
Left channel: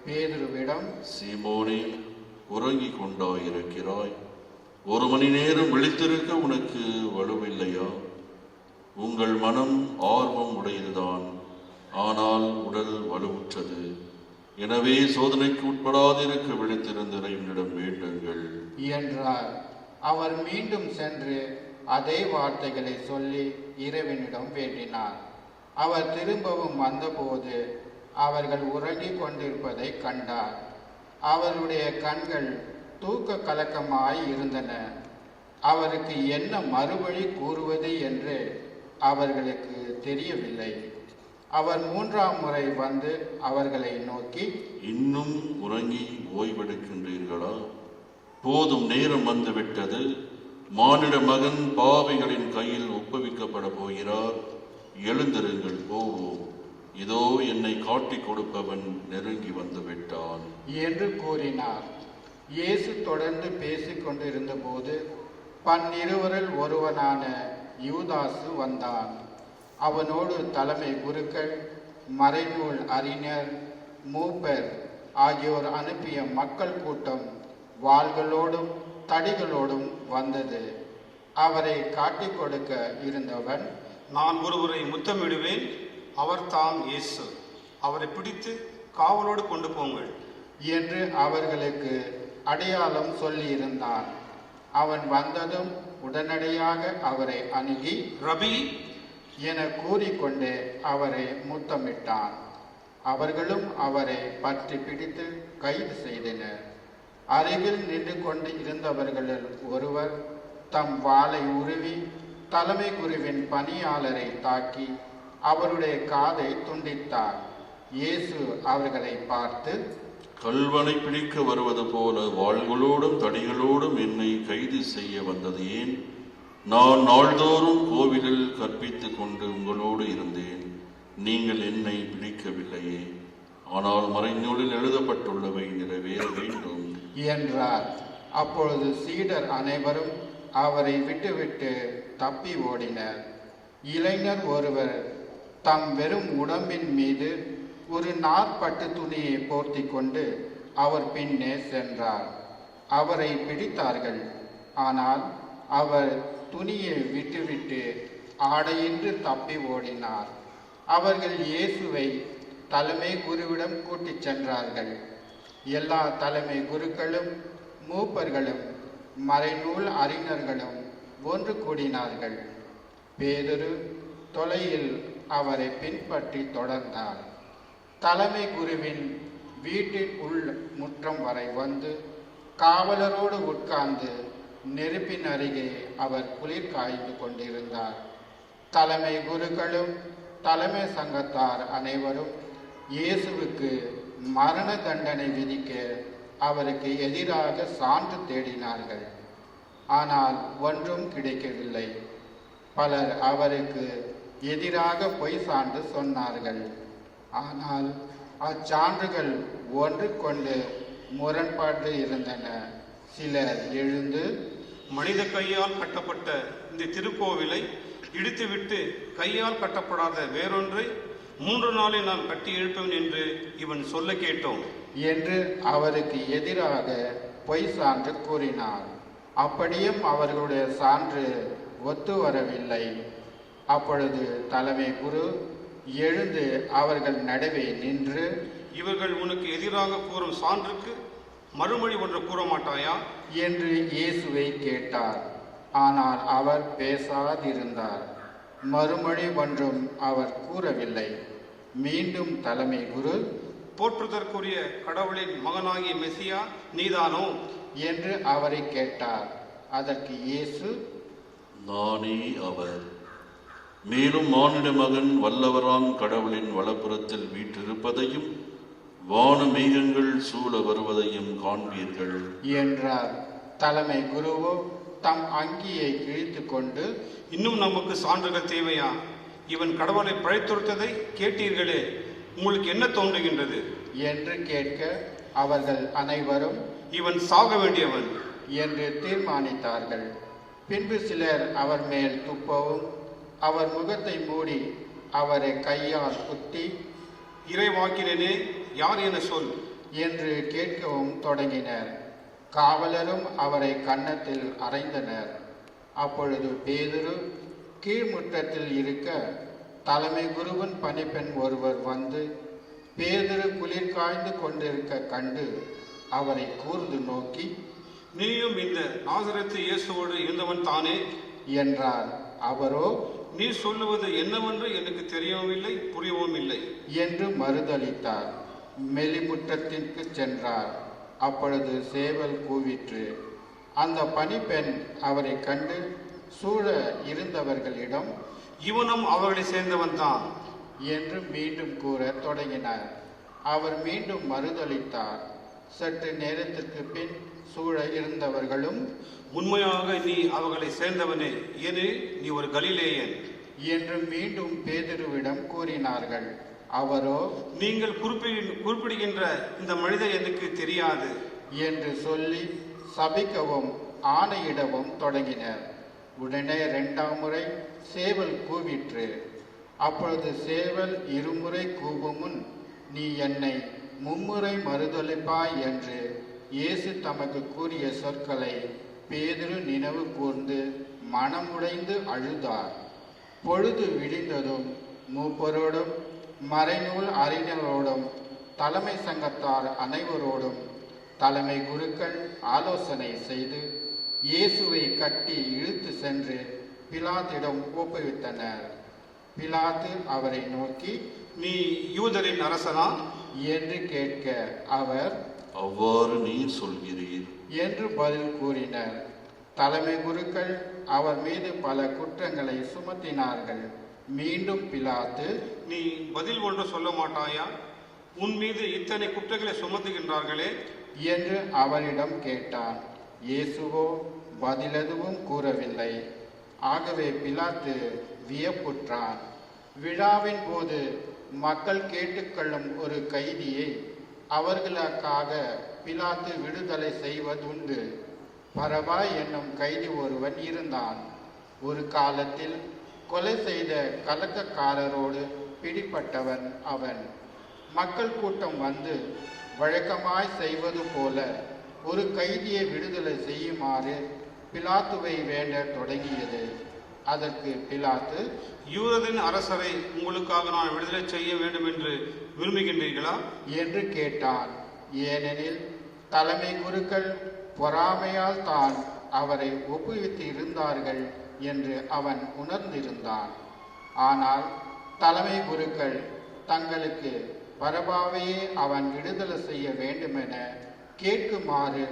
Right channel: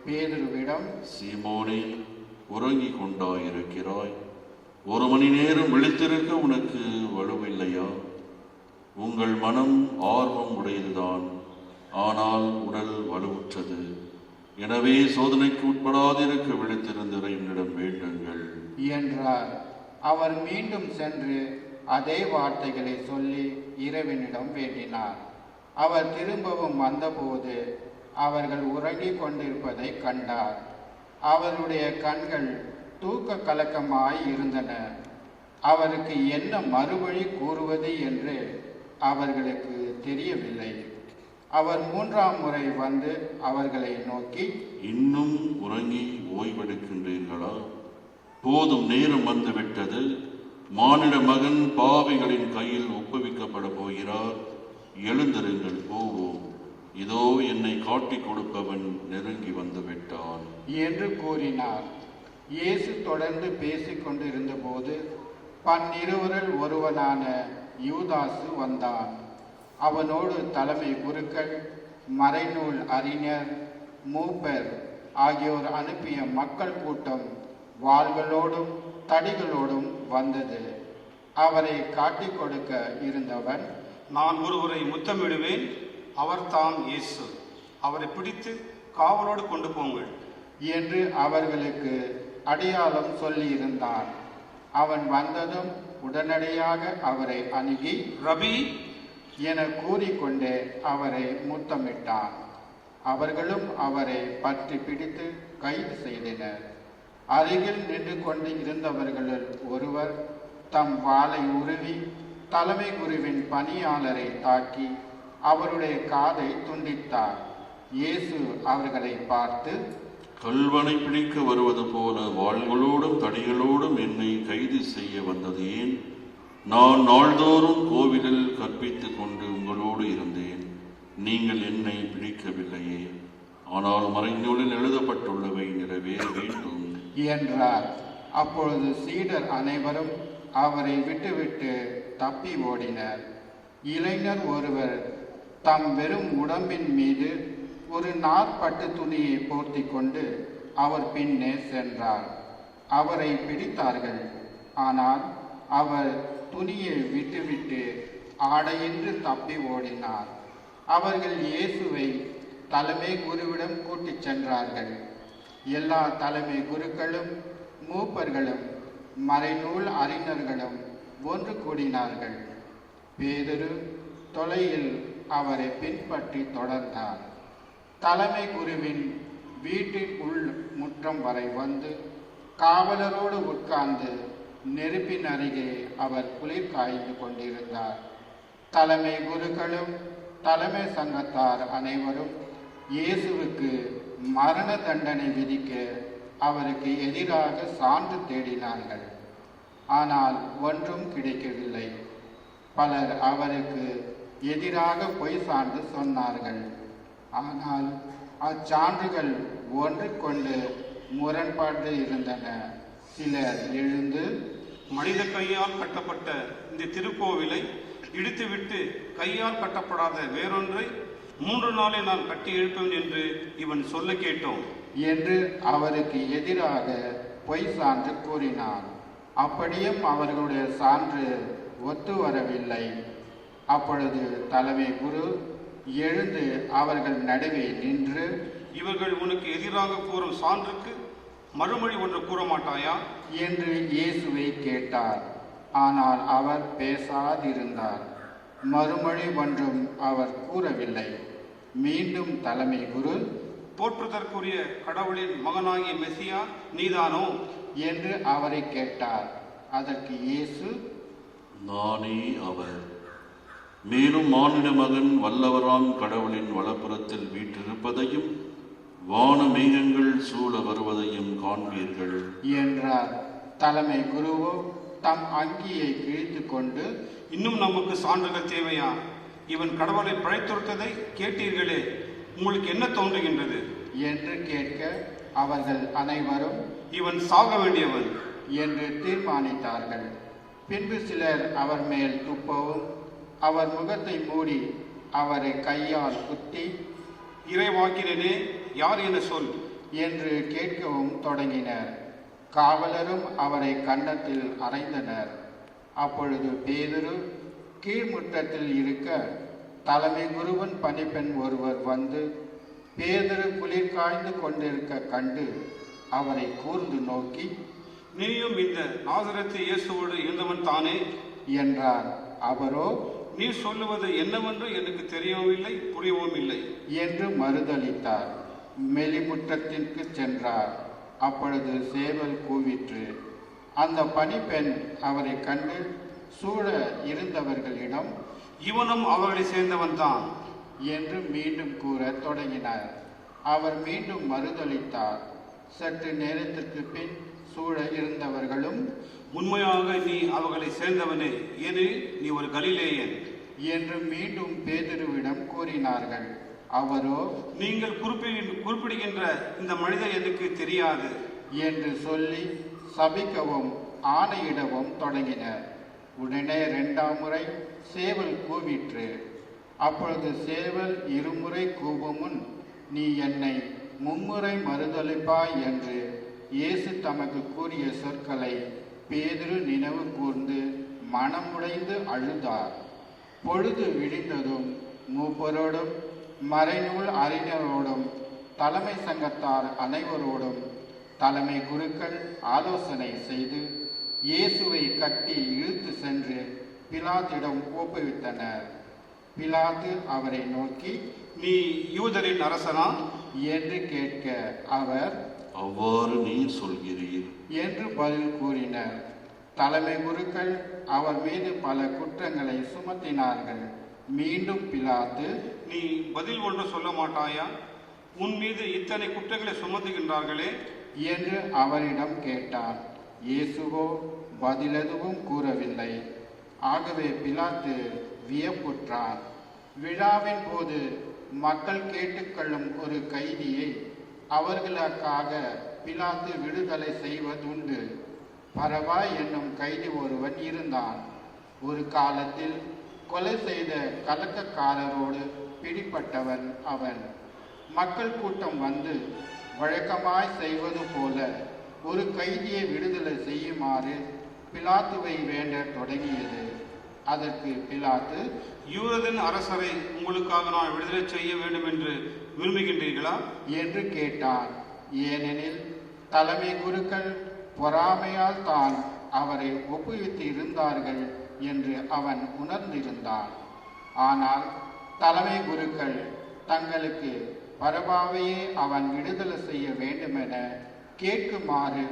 பேதுருவிடம், சீமோனே, உறங்கிக் கொண்டாயிருக்கிறாய், 1 மணி நேரம் விழித்திருக்க உனக்கு வலுவில்லையா? உங்கள் மனம் ஆர்வம் உடையதுதான், ஆனால் உடல் வலுவுற்றது. எனவே சோதனைக்கு உட்படாதிருக்க விழித்திருந்த இறைவனிடம் வேண்டுங்கள் என்றார். அவர் மீண்டும் சென்று அதே வார்த்தைகளை சொல்லி இறைவனிடம் வேண்டினார். அவர் திரும்பவும் வந்தபோது அவர்கள் உறங்கிக் கொண்டிருப்பதை கண்டார். அவருடைய கண்கள் தூக்க கலக்கமாய் இருந்தன. அவருக்கு என்ன மறுவழி கூறுவது என்று அவர்களுக்கு தெரியவில்லை. அவர் 3ஆம் முறை வந்து அவர்களை நோக்கி, இன்னும் உறங்கி ஓய்வெடுக்கின்றீர்களா? போதும், நேரம் வந்துவிட்டது. மானிட மகன் பாவிகளின் கையில் ஒப்புவிக்கப்பட போகிறார். எழுந்திருங்கள், போவோம். இதோ என்னை காட்டிக் கொடுப்பவன் நெருங்கி வந்து விட்டான் என்று கூறினார். இயேசு தொடர்ந்து பேசிக் கொண்டிருந்த போது 12 ஒருவனான யூதாசு வந்தான். அவனோடு தலைமை குருக்கள், மறைநூல் அறிஞர், மூப்பர் ஆகியோர் அனுப்பிய மக்கள் கூட்டம் வாள்களோடும் தடிகளோடும் வந்தது. அவரை காட்டிக் கொடுக்க இருந்தவன், நான் ஒருவரை முத்தமிடுவேன், அவர்தாம் இயேசு, அவரை பிடித்து காவலோடு கொண்டு போங்கள் என்று அவர்களுக்கு அடையாளம் சொல்லியிருந்தான். அவன் வந்ததும் உடனடியாக அவரை அணுகி, ரபி என கூறிக்கொண்டே அவரை முத்தமிட்டான். அவர்களும் அவரை பற்றி பிடித்து கைது செய்தனர். அருகில் நின்று கொண்டு இருந்தவர்களில் ஒருவர் தம் வாளை உருவி தலைமை குருவின் பணியாளரை தாக்கி அவருடைய காதை துண்டித்தார். இயேசு அவர்களை பார்த்து, கல்வனை பிடிக்க வருவது போல வாள்களோடும் தடிகளோடும் என்னை கைது செய்ய வந்தது ஏன்? நான் நாள்தோறும் கோவிலில் கற்பித்துக் கொண்டு உங்களோடு இருந்தேன், நீங்கள் என்னை பிடிக்கவில்லையே. ஆனால் மறைநூலில் எழுதப்பட்டுள்ளவை நிறைவேற வேண்டும் என்றார். அப்பொழுது சீடர் அனைவரும் அவரை விட்டுவிட்டு தப்பி ஓடினர். இளைஞர் ஒருவர் தம் வெறும் உடம்பின் மீது ஒரு நாற்பட்டு துணியை போர்த்தி கொண்டு அவர் பின்னே சென்றார். அவரை பிடித்தார்கள். ஆனால் அவர் துணியை விட்டுவிட்டு ஆடையின்றி தப்பி ஓடினார். அவர்கள் இயேசுவை தலைமை குருவிடம் கூட்டிச் சென்றார்கள். எல்லா தலைமை குருக்களும் மூப்பர்களும் மறைநூல் அறிஞர்களும் ஒன்று கூடினார்கள். பேதுரு தொலையில் அவரை பின்பற்றி தொடர்ந்தார். தலைமை குருவின் வீட்டின் உள் முற்றம் வரை வந்து காவலரோடு உட்கார்ந்து நெருப்பின் அருகே அவர் குளிர் காய்ந்து கொண்டிருந்தார். தலைமை குருக்களும் தலைமை சங்கத்தார் அனைவரும் இயேசுவுக்கு மரண தண்டனை விதிக்க அவருக்கு எதிராக சான்று தேடினார்கள். ஆனால் ஒன்றும் கிடைக்கவில்லை. பலர் அவருக்கு எதிராக பொய் சான்று சொன்னார்கள். ஆனால் அச்சான்றுகள் ஒன்றுக்கொண்டு முரண்பாடு இருந்தன. சிலர் எழுந்து, மனித கையால் கட்டப்பட்ட இந்த திருக்கோவிலை இடித்துவிட்டு கையால் கட்டப்படாத வேறொன்றை 3 நாளில் நான் கட்டி எழுப்பேன் என்று இவன் சொல்ல கேட்டோம் என்று அவருக்கு எதிராக பொய் சான்று கூறினார். அப்படியும் அவர்களுடைய சான்று ஒத்து வரவில்லை. அப்பொழுது தலைமை குரு எழுந்து அவர்கள் நடுவே நின்று, இவர்கள் உனக்கு எதிராக கூறும் சான்றுக்கு மறுமொழி ஒன்று கூற மாட்டாயா என்று இயேசுவை கேட்டார். ஆனால் அவர் பேசாதிருந்தார். மறுமொழி ஒன்றும் அவர் கூறவில்லை. மீண்டும் தலைமை குரு, போற்றுதற்குரிய கடவுளின் மகனாகிய மெசியா நீதானோ என்று அவரை கேட்டார். அதற்கு இயேசு, நானே அவர். மேலும் மானிட மகன் வல்லவராம் கடவுளின் வலப்புறத்தில் வீற்றிருப்பதையும் வான மேகங்கள் சூழ வருவதையும் காண்பீர்கள் என்றார். தலைமை குருவோ தம் அங்கியை கிழித்து கொண்டு, இன்னும் நமக்கு சான்றுகள் தேவையா? இவன் கடவுளை பழைத்துரைத்ததை கேட்டீர்களே, உங்களுக்கு என்ன தோன்றுகின்றது என்று கேட்க அவர்கள் அனைவரும் இவன் சாக வேண்டியவன் என்று தீர்மானித்தார்கள். பின்பு சிலர் அவர் மேல் துப்பவும் அவர் முகத்தை மூடி அவரை கையால் குத்தி, இறைவாக்கினே யார் என சொல் என்று கேட்கவும் தொடங்கினர். காவலரும் அவரை கன்னத்தில் அறைந்தனர். அப்பொழுது பேதுரு கீழ்முற்றத்தில் இருக்க தலைமை குருவின் பணிப்பெண் ஒருவர் வந்து பேதுரு குளிர் காய்ந்து கொண்டிருக்க கண்டு அவரை கூர்ந்து நோக்கி, நீயும் இந்த நாசரத்து இயேசுவோடு இருந்தவன் தானே என்றார். அவரோ, நீ சொல்லுவது என்னவென்று எனக்கு தெரியவும் இல்லை, புரியவும் இல்லை என்று மறுதளித்தார். மெலிமுற்றத்திற்கு சென்றார். அப்பொழுது சேவல் கூவிற்று. அந்த பணிப்பெண் அவரை கண்டு சூழ இருந்தவர்களிடம், இவனும் அவர்களை சேர்ந்தவன் தான் என்று மீண்டும் கூற தொடங்கினார். அவர் மீண்டும் மறுதளித்தார். சற்று நேரத்திற்கு பின் சூழ இருந்தவர்களும், உண்மையாக நீ அவர்களை சேர்ந்தவனே, ஏனெனில் நீ ஒரு கலிலேயன் என்று மீண்டும் பேதுருவிடம் கூறினார்கள். அவரோ, நீங்கள் குறிப்பிடுகின்ற இந்த மனிதர் எனக்கு தெரியாது என்று சொல்லி சபிக்கவும் ஆணையிடவும் தொடங்கினர். உடனே 2ஆம் முறை சேவல் கூவிற்று. அப்பொழுது சேவல் 2 முறை கூவும் முன், நீ என்னை 3 முறை மறுதளிப்பாய் என்று இயேசு தமக்கு கூறிய சொற்களை பேதுரு நினைவு கூர்ந்து மனமுடைந்து அழுதார். பொழுது விடிந்ததும் மூப்பரோடும் மறைநூல் அறிஞரோடும் தலைமை சங்கத்தார் அனைவரோடும் தலைமை குருக்கள் ஆலோசனை செய்து இயேசுவை கட்டி இழுத்து சென்று பிலாத்திடம் ஒப்புவித்தனர். பிலாத்து அவரை நோக்கி, நீ யூதரின் அரசனா என்று கேட்க அவர், அவ்வாறு நீர் சொல்கிறீர் என்று பதில் கூறினர். தலைமை குருக்கள் அவர் மீது பல குற்றங்களை சுமத்தினார்கள். மீண்டும் பிலாத்து, நீ பதில் ஒன்று சொல்ல மாட்டாயா? உன் மீது இத்தனை குற்றங்களை சுமத்துகின்றார்களே என்று அவரிடம் கேட்டான். இயேசுவோ பதிலெதுவும் கூறவில்லை. ஆகவே பிலாத்து வியப்புற்றான். விழாவின் போது மக்கள் கேட்டுக்கொள்ளும் ஒரு கைதியை அவர்களுக்காக பிலாத்து விடுதலை செய்வதுண்டு. பரவா என்னும் கைதி ஒருவன் இருந்தான். ஒரு காலத்தில் கொலை செய்த கலக்கக்காரரோடு பிடிப்பட்டவன் அவன். மக்கள் கூட்டம் வந்து வழக்கமாய் செய்வது போல ஒரு கைதியை விடுதலை செய்யுமாறு பிலாத்துவை வேண்ட தொடங்கியது. அதற்கு பிலாத்து, யூதரின் அரசரை உங்களுக்காக நான் விடுதலை செய்ய வேண்டும் என்று விரும்புகின்றீர்களா என்று கேட்டான். ஏனெனில் தலைமை குருக்கள் பொறாமையால் தான் அவரை ஒப்புவித்து இருந்தார்கள் என்று அவன் உணர்ந்திருந்தான். ஆனால் தலைமை குருக்கள் தங்களுக்கு பரபாவையே அவன் விடுதலை செய்ய வேண்டுமென கேட்குமாறு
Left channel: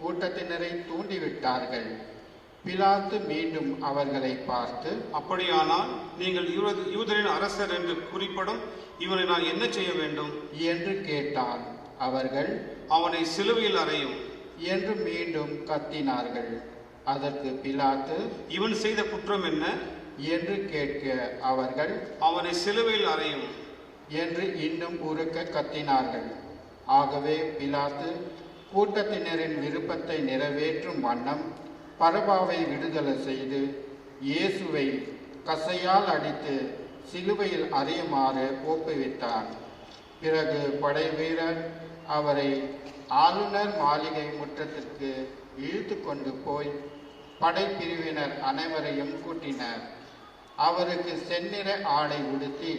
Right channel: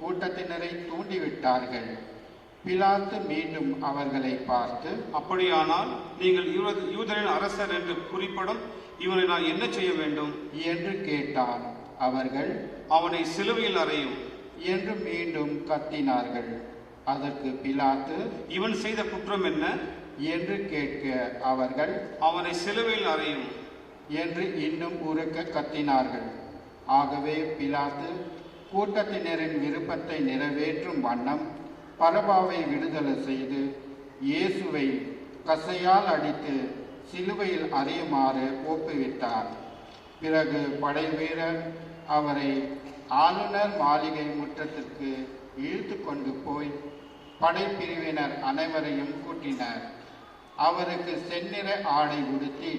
கூட்டத்தினரை தூண்டிவிட்டார்கள். பிலாத்து மீண்டும் அவர்களை பார்த்து, அப்படியானால் நீங்கள் யூதரின் அரசர் என்று குறிப்பிடும் இவனை நான் என்ன செய்ய வேண்டும் என்று கேட்டான். அவர்கள், அவனை சிலுவையில் அறையும் என்று மீண்டும் கத்தினார்கள். அதற்கு பிலாத்து, இவன் செய்த குற்றம் என்ன என்று கேட்க அவர்கள், அவனை சிலுவையில் அறையும் என்று இன்னும் உரக்க கத்தினார்கள். ஆகவே பிலாத்து கூட்டத்தினரின் விருப்பத்தை நிறைவேற்றும் வண்ணம் பரபாவை விடுதலை செய்து இயேசுவை கசையால் அடித்து சிலுவையில் அறையுமாறு ஒப்புவித்தார். பிறகு படை வீரர் அவரை ஆளுநர் மாளிகை முற்றத்திற்கு இழுத்து கொண்டு போய் படைப்பிரிவினர் அனைவரையும் கூட்டினர். அவருக்கு செந்நிற ஆடை உடுத்தி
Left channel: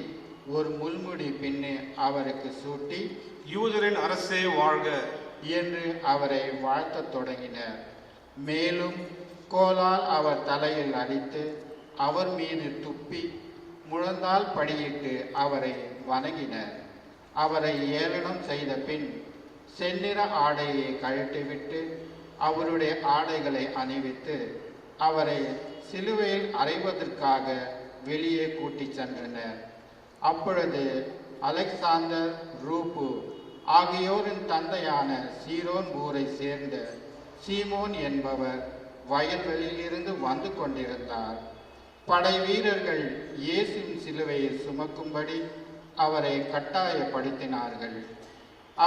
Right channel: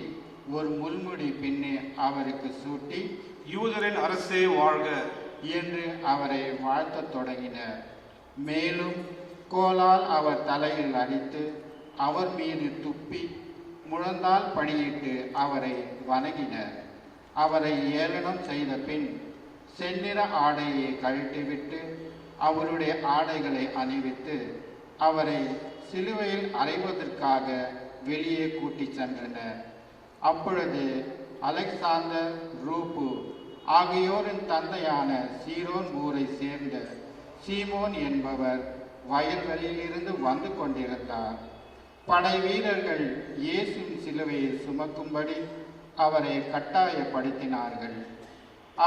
ஒரு முள்முடி பின்னே அவருக்கு சூட்டி, யூதரின் அரசே வாழ்க என்று அவரை வாழ்த்தத் தொடங்கினர். மேலும் கோலால் அவர் தலையில் அடித்து அவர் மீது துப்பி முழந்தால் படியிட்டு அவரை வணங்கினர். அவரை ஏளனம் செய்த பின் செந்நிற ஆடையை கழட்டிவிட்டு அவருடைய ஆடைகளை அணிவித்து அவரை சிலுவையில் அறைவதற்காக வெளியே கூட்டிச் சென்றனர். அப்பொழுது அலெக்சாந்தர், ரூப்பு ஆகியோரின் தந்தையான சீரோன் ஊரை சேர்ந்த சீமோன் என்பவர் வயல்களிலிருந்து வந்து கொண்டிருந்தார். படை வீரர்கள் இயேசுவின் சிலுவையை சுமக்கும்படி அவரை கட்டாயப்படுத்தினார்கள்.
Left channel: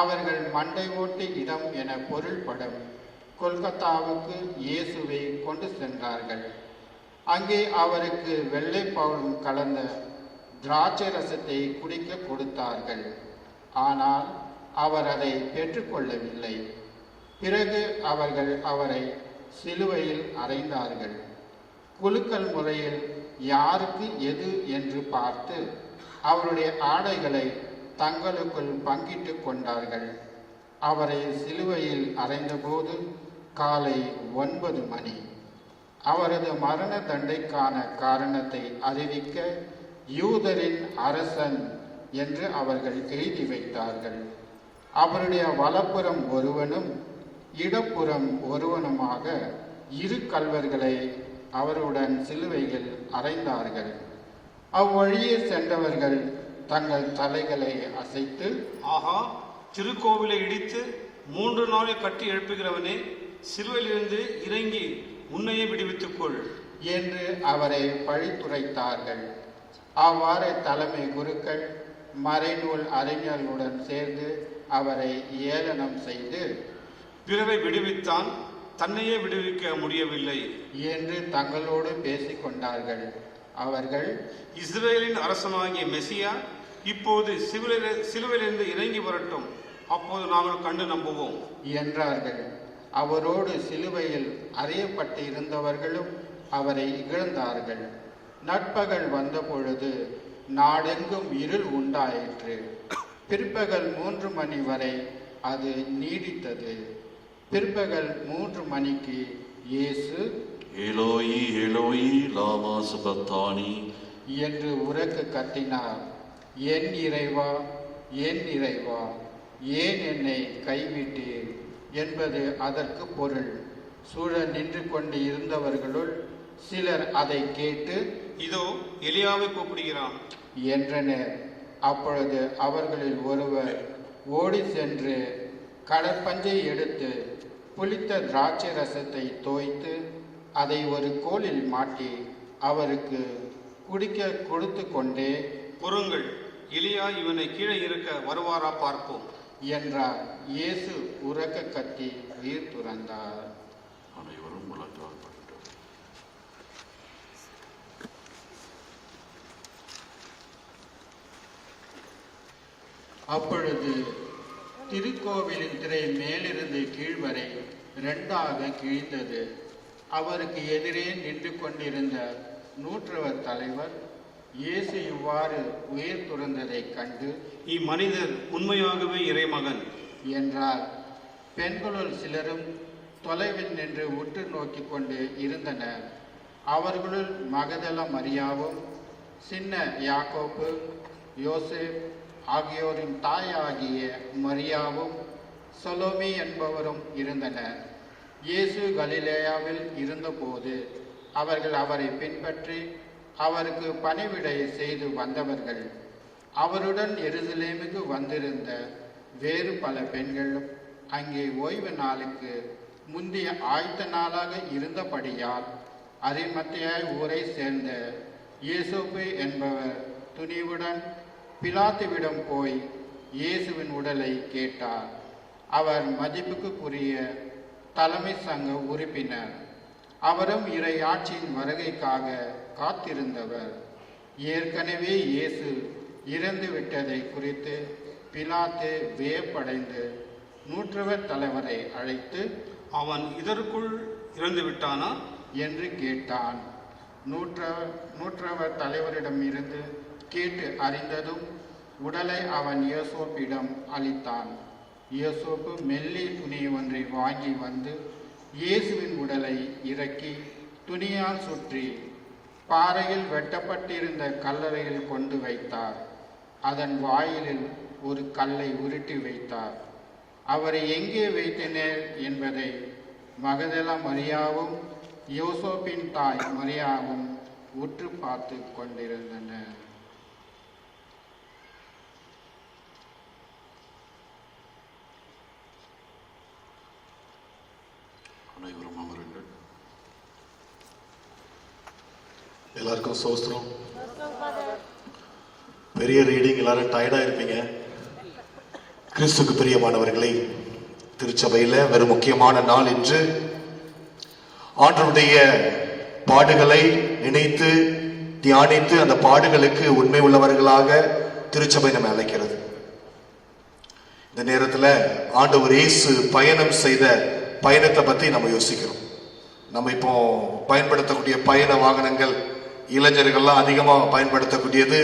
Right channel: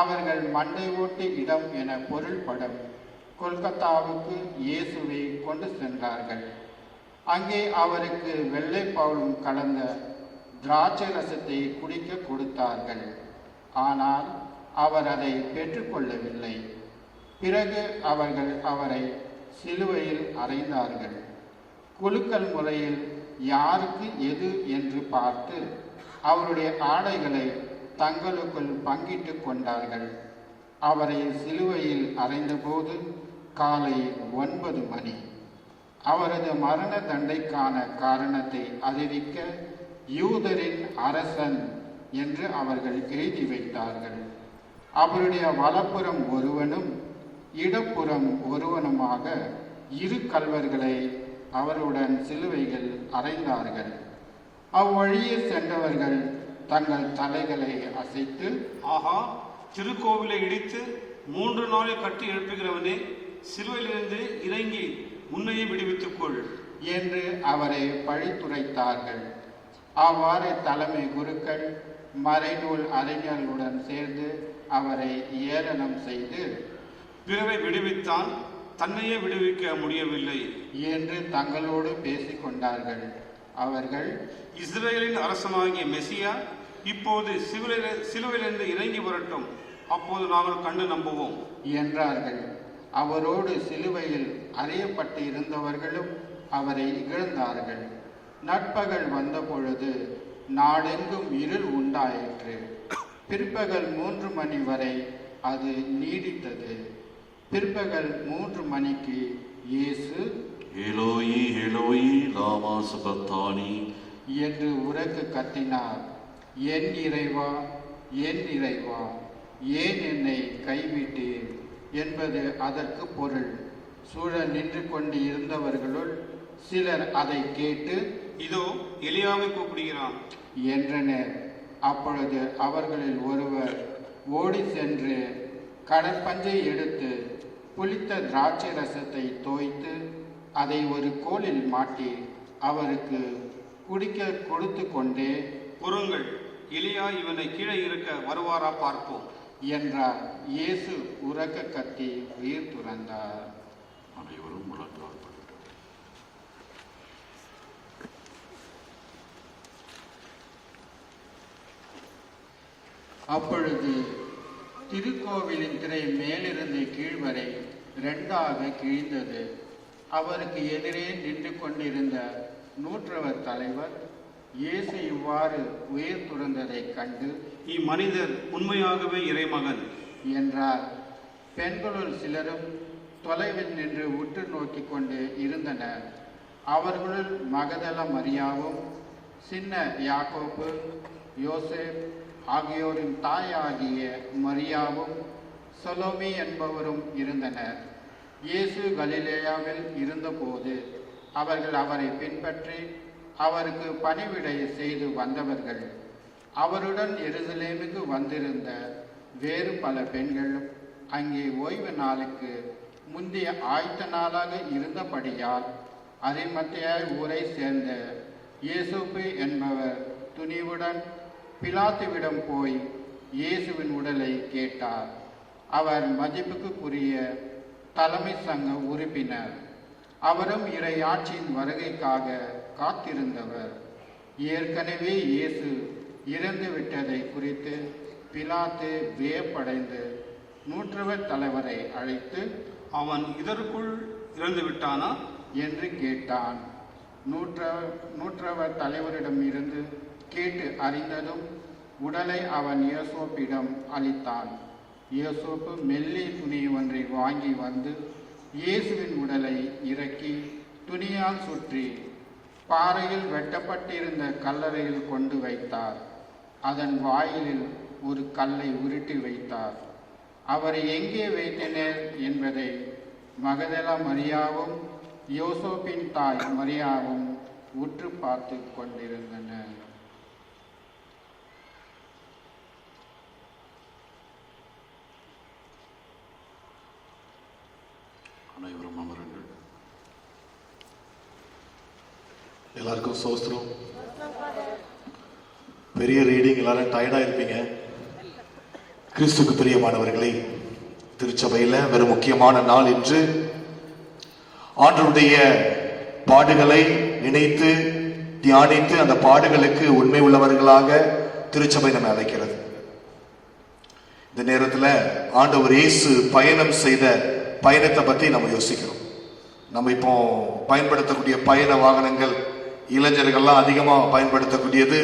அவர்கள் மண்டை ஓட்டு இடம் என பொருள்படும் கொல்கத்தாவுக்கு இயேசுவை கொண்டு சென்றார்கள். அங்கே அவருக்கு வெள்ளைப்பவுலும் கலந்த திராட்சை ரசத்தை குடிக்க கொடுத்தார்கள். ஆனால் அவர் அதை பெற்றுக்கொள்ளவில்லை. பிறகு அவர்கள் அவரை சிலுவையில் அறைந்தார்கள். குலுக்கல் முறையில் யாருக்கு எது என்று பார்த்து அவருடைய ஆடைகளை தங்களுக்குள் பங்கிட்டு கொண்டார்கள். அவரை சிலுவையில் அறைந்தபோது காலை 9 மணி. அவரது மரண தண்டைக்கான காரணத்தை அறிவிக்க யூதரின் அரசன் என்று அவர்கள் எழுதி வைத்தார்கள். அவருடைய வலப்புறம் ஒருவனும் இடப்புறம் ஒருவனுமாக 2 கள்வர்களை அவருடன் சிலுவையில் அறைந்தார்கள். அவ்வழியே சென்றவர்கள் தங்கள் தலைகளை அசைத்து, ஆகா, திருக்கோவிலை இடித்து 3 நாளில் கட்டி எழுப்புகிறவனே, சிலுவையிலிருந்து இறங்கி உன்னையே விடுவித்துக் கொள் என்று அவரை பழித்துரைத்தார்கள். அவ்வாறு தலைமை குருக்கள் மறைநூல் அறிஞர்களுடன் சேர்ந்து அவரை ஏளனம் செய்து, பிறரை விடுவித்தான், தன்னையே விடுவிக்க முடியவில்லை என்று தங்களோடு பேசிக் கொண்டார்கள். அவர்கள், இஸ்ரேலின் அரசனாகிய மெசியா இப்போது சிலுவையிலிருந்து இறங்கி வரட்டும், அப்போது நாங்கள் கண்டு நம்புவோம் என்றார்கள். அவரோடு சிலுவையில் அறையப்பட்டு இருந்தவர்களும் அவரை இகழ்ந்தார்கள். நட்பகல் வந்த பொழுது நாடெங்கும் இருள் உண்டாயிற்று. பிற்பகல் 3 மணி வரை அது நீடித்தது. பிற்பகல் 3 மணிக்கு இயேசு, ஏலோயி ஏலோயி லாமா சபக்தானி என்று உரக்க கத்தினார். என் இறைவா, என் இறைவா, ஏன் என்னை கைவிட்டீர் என்பது அதற்கு பொருள். சூழ நின்று கொண்டு இருந்தவர்களுள் சிலர் அதை கேட்டு, இதோ எலியாவை கூப்பிடுகிறான் என்றனர். அப்பொழுது அவர்களில் ஒருவர் ஓடி சென்று கடற்பஞ்சை எடுத்து புளித்த திராட்சை ரசத்தை தோய்த்து அதை ஒரு கோலில் மாட்டி அவருக்கு குடிக்க கொடுத்து கொண்டே, பொறுங்கள், எலியா இவனை கீழே இருக்க வருவாரா பார்ப்போம் என்றார். இயேசு உரக்க கத்தி உயிர் துறந்தார். அனைவரும் முழங்கால். அப்பொழுது திருக்கோவிலின் திரை மேலிருந்து கீழ் வரை 2ஆக கிழிந்தது. அவருக்கு எதிரே நின்று கொண்டிருந்த நூற்றவர் தலைவர் இயேசு இவ்வாறு உயிர் துறந்ததைக் கண்டு, இம்மனிதர் உண்மையாகவே இறைமகன் என்றார். பெண்களுள் சிலரும் தொலைவில் நின்று உற்று நோக்கிக் கொண்டு இருந்தனர். அவர்களுள் மகதல மரியாவும், சின்ன யாக்கோப்பு, யோசேப் ஆகியோரின் தாயாகிய மரியாவும், சொலோமி என்பவரும் இருந்தனர். இயேசு கலிலேயாவில் இருந்தபோது அவர்கள் அவரை பின்பற்றி அவருக்கு பணிவிடை செய்து வந்தவர்கள். அவருடன் எருசலேமுக்கு வந்திருந்த வேறு பல பெண்கள் அங்கே ஓய்வு நாளுக்கு முந்தைய ஆயத்த நாளாக இருந்தபடியால் அரிமத்தேயா ஊரை சேர்ந்த யோசேப்பு என்பவர் துணிவுடன் பிலாத்துவிடம் போய் இயேசுவின் உடலை கேட்டார். அவர் மதிப்புக்குரிய தலைமை சங்க உறுப்பினர். அவரும் இறையாட்சியின் வருகைக்காக காத்திருந்தவர். ஏற்கனவே இயேசு இறந்து விட்டதை குறித்து பிலாத்து வியப்படைந்து நூற்றவர் தலைவரை அழைத்து, அவன் இதற்குள் இறந்து விட்டானா என்று கேட்டான். நூற்றவர் தலைவரிடம் இருந்து கேட்டு அறிந்ததும் உடலை அவன் யோசேப்பிடம் அளித்தான். யோசேப்பு மெல்லிய துணி ஒன்றை வாங்கி வந்து இயேசுவின் உடலை இறக்கி துணியால் சுற்றி பாறையில் வெட்டப்பட்டிருந்த கல்லறையில் கொண்டு வைத்தார். அதன் வாயிலில் ஒரு கல்லை உருட்டி வைத்தார். அவரை எங்கே வைத்தனர் என்பதை மகதல மரியாவும் யோசேப்பின் தாய் மரியாவும் உற்று பார்த்து கொண்டிருந்தனர். எல்லாருக்கும் சோஸ்திரம். பெரிய ரீடிங், எல்லாரும் டயர்டா இருப்பீங்க. கிறிஸ்துக்கு பிரியமானவர்களே, திருச்சபையில வெறும் முக்கியமான நாள் என்று ஆண்டவருடைய பாடுகளை நினைத்து தியானித்து அந்த பாடுகளுக்கு உண்மை உள்ளவர்களாக திருச்சபை நம்ம அழைக்கிறது. இந்த நேரத்தில் ஆண்டவர் இயேசு பயணம் செய்த பயணத்தை பத்தி நம்ம யோசிக்கிறோம். நம்ம இப்போ பயன்படுத்தக்கூடிய பயண வாகனங்கள் இளைஞர்கள்லாம் அதிகமா பயன்படுத்தக்கூடியது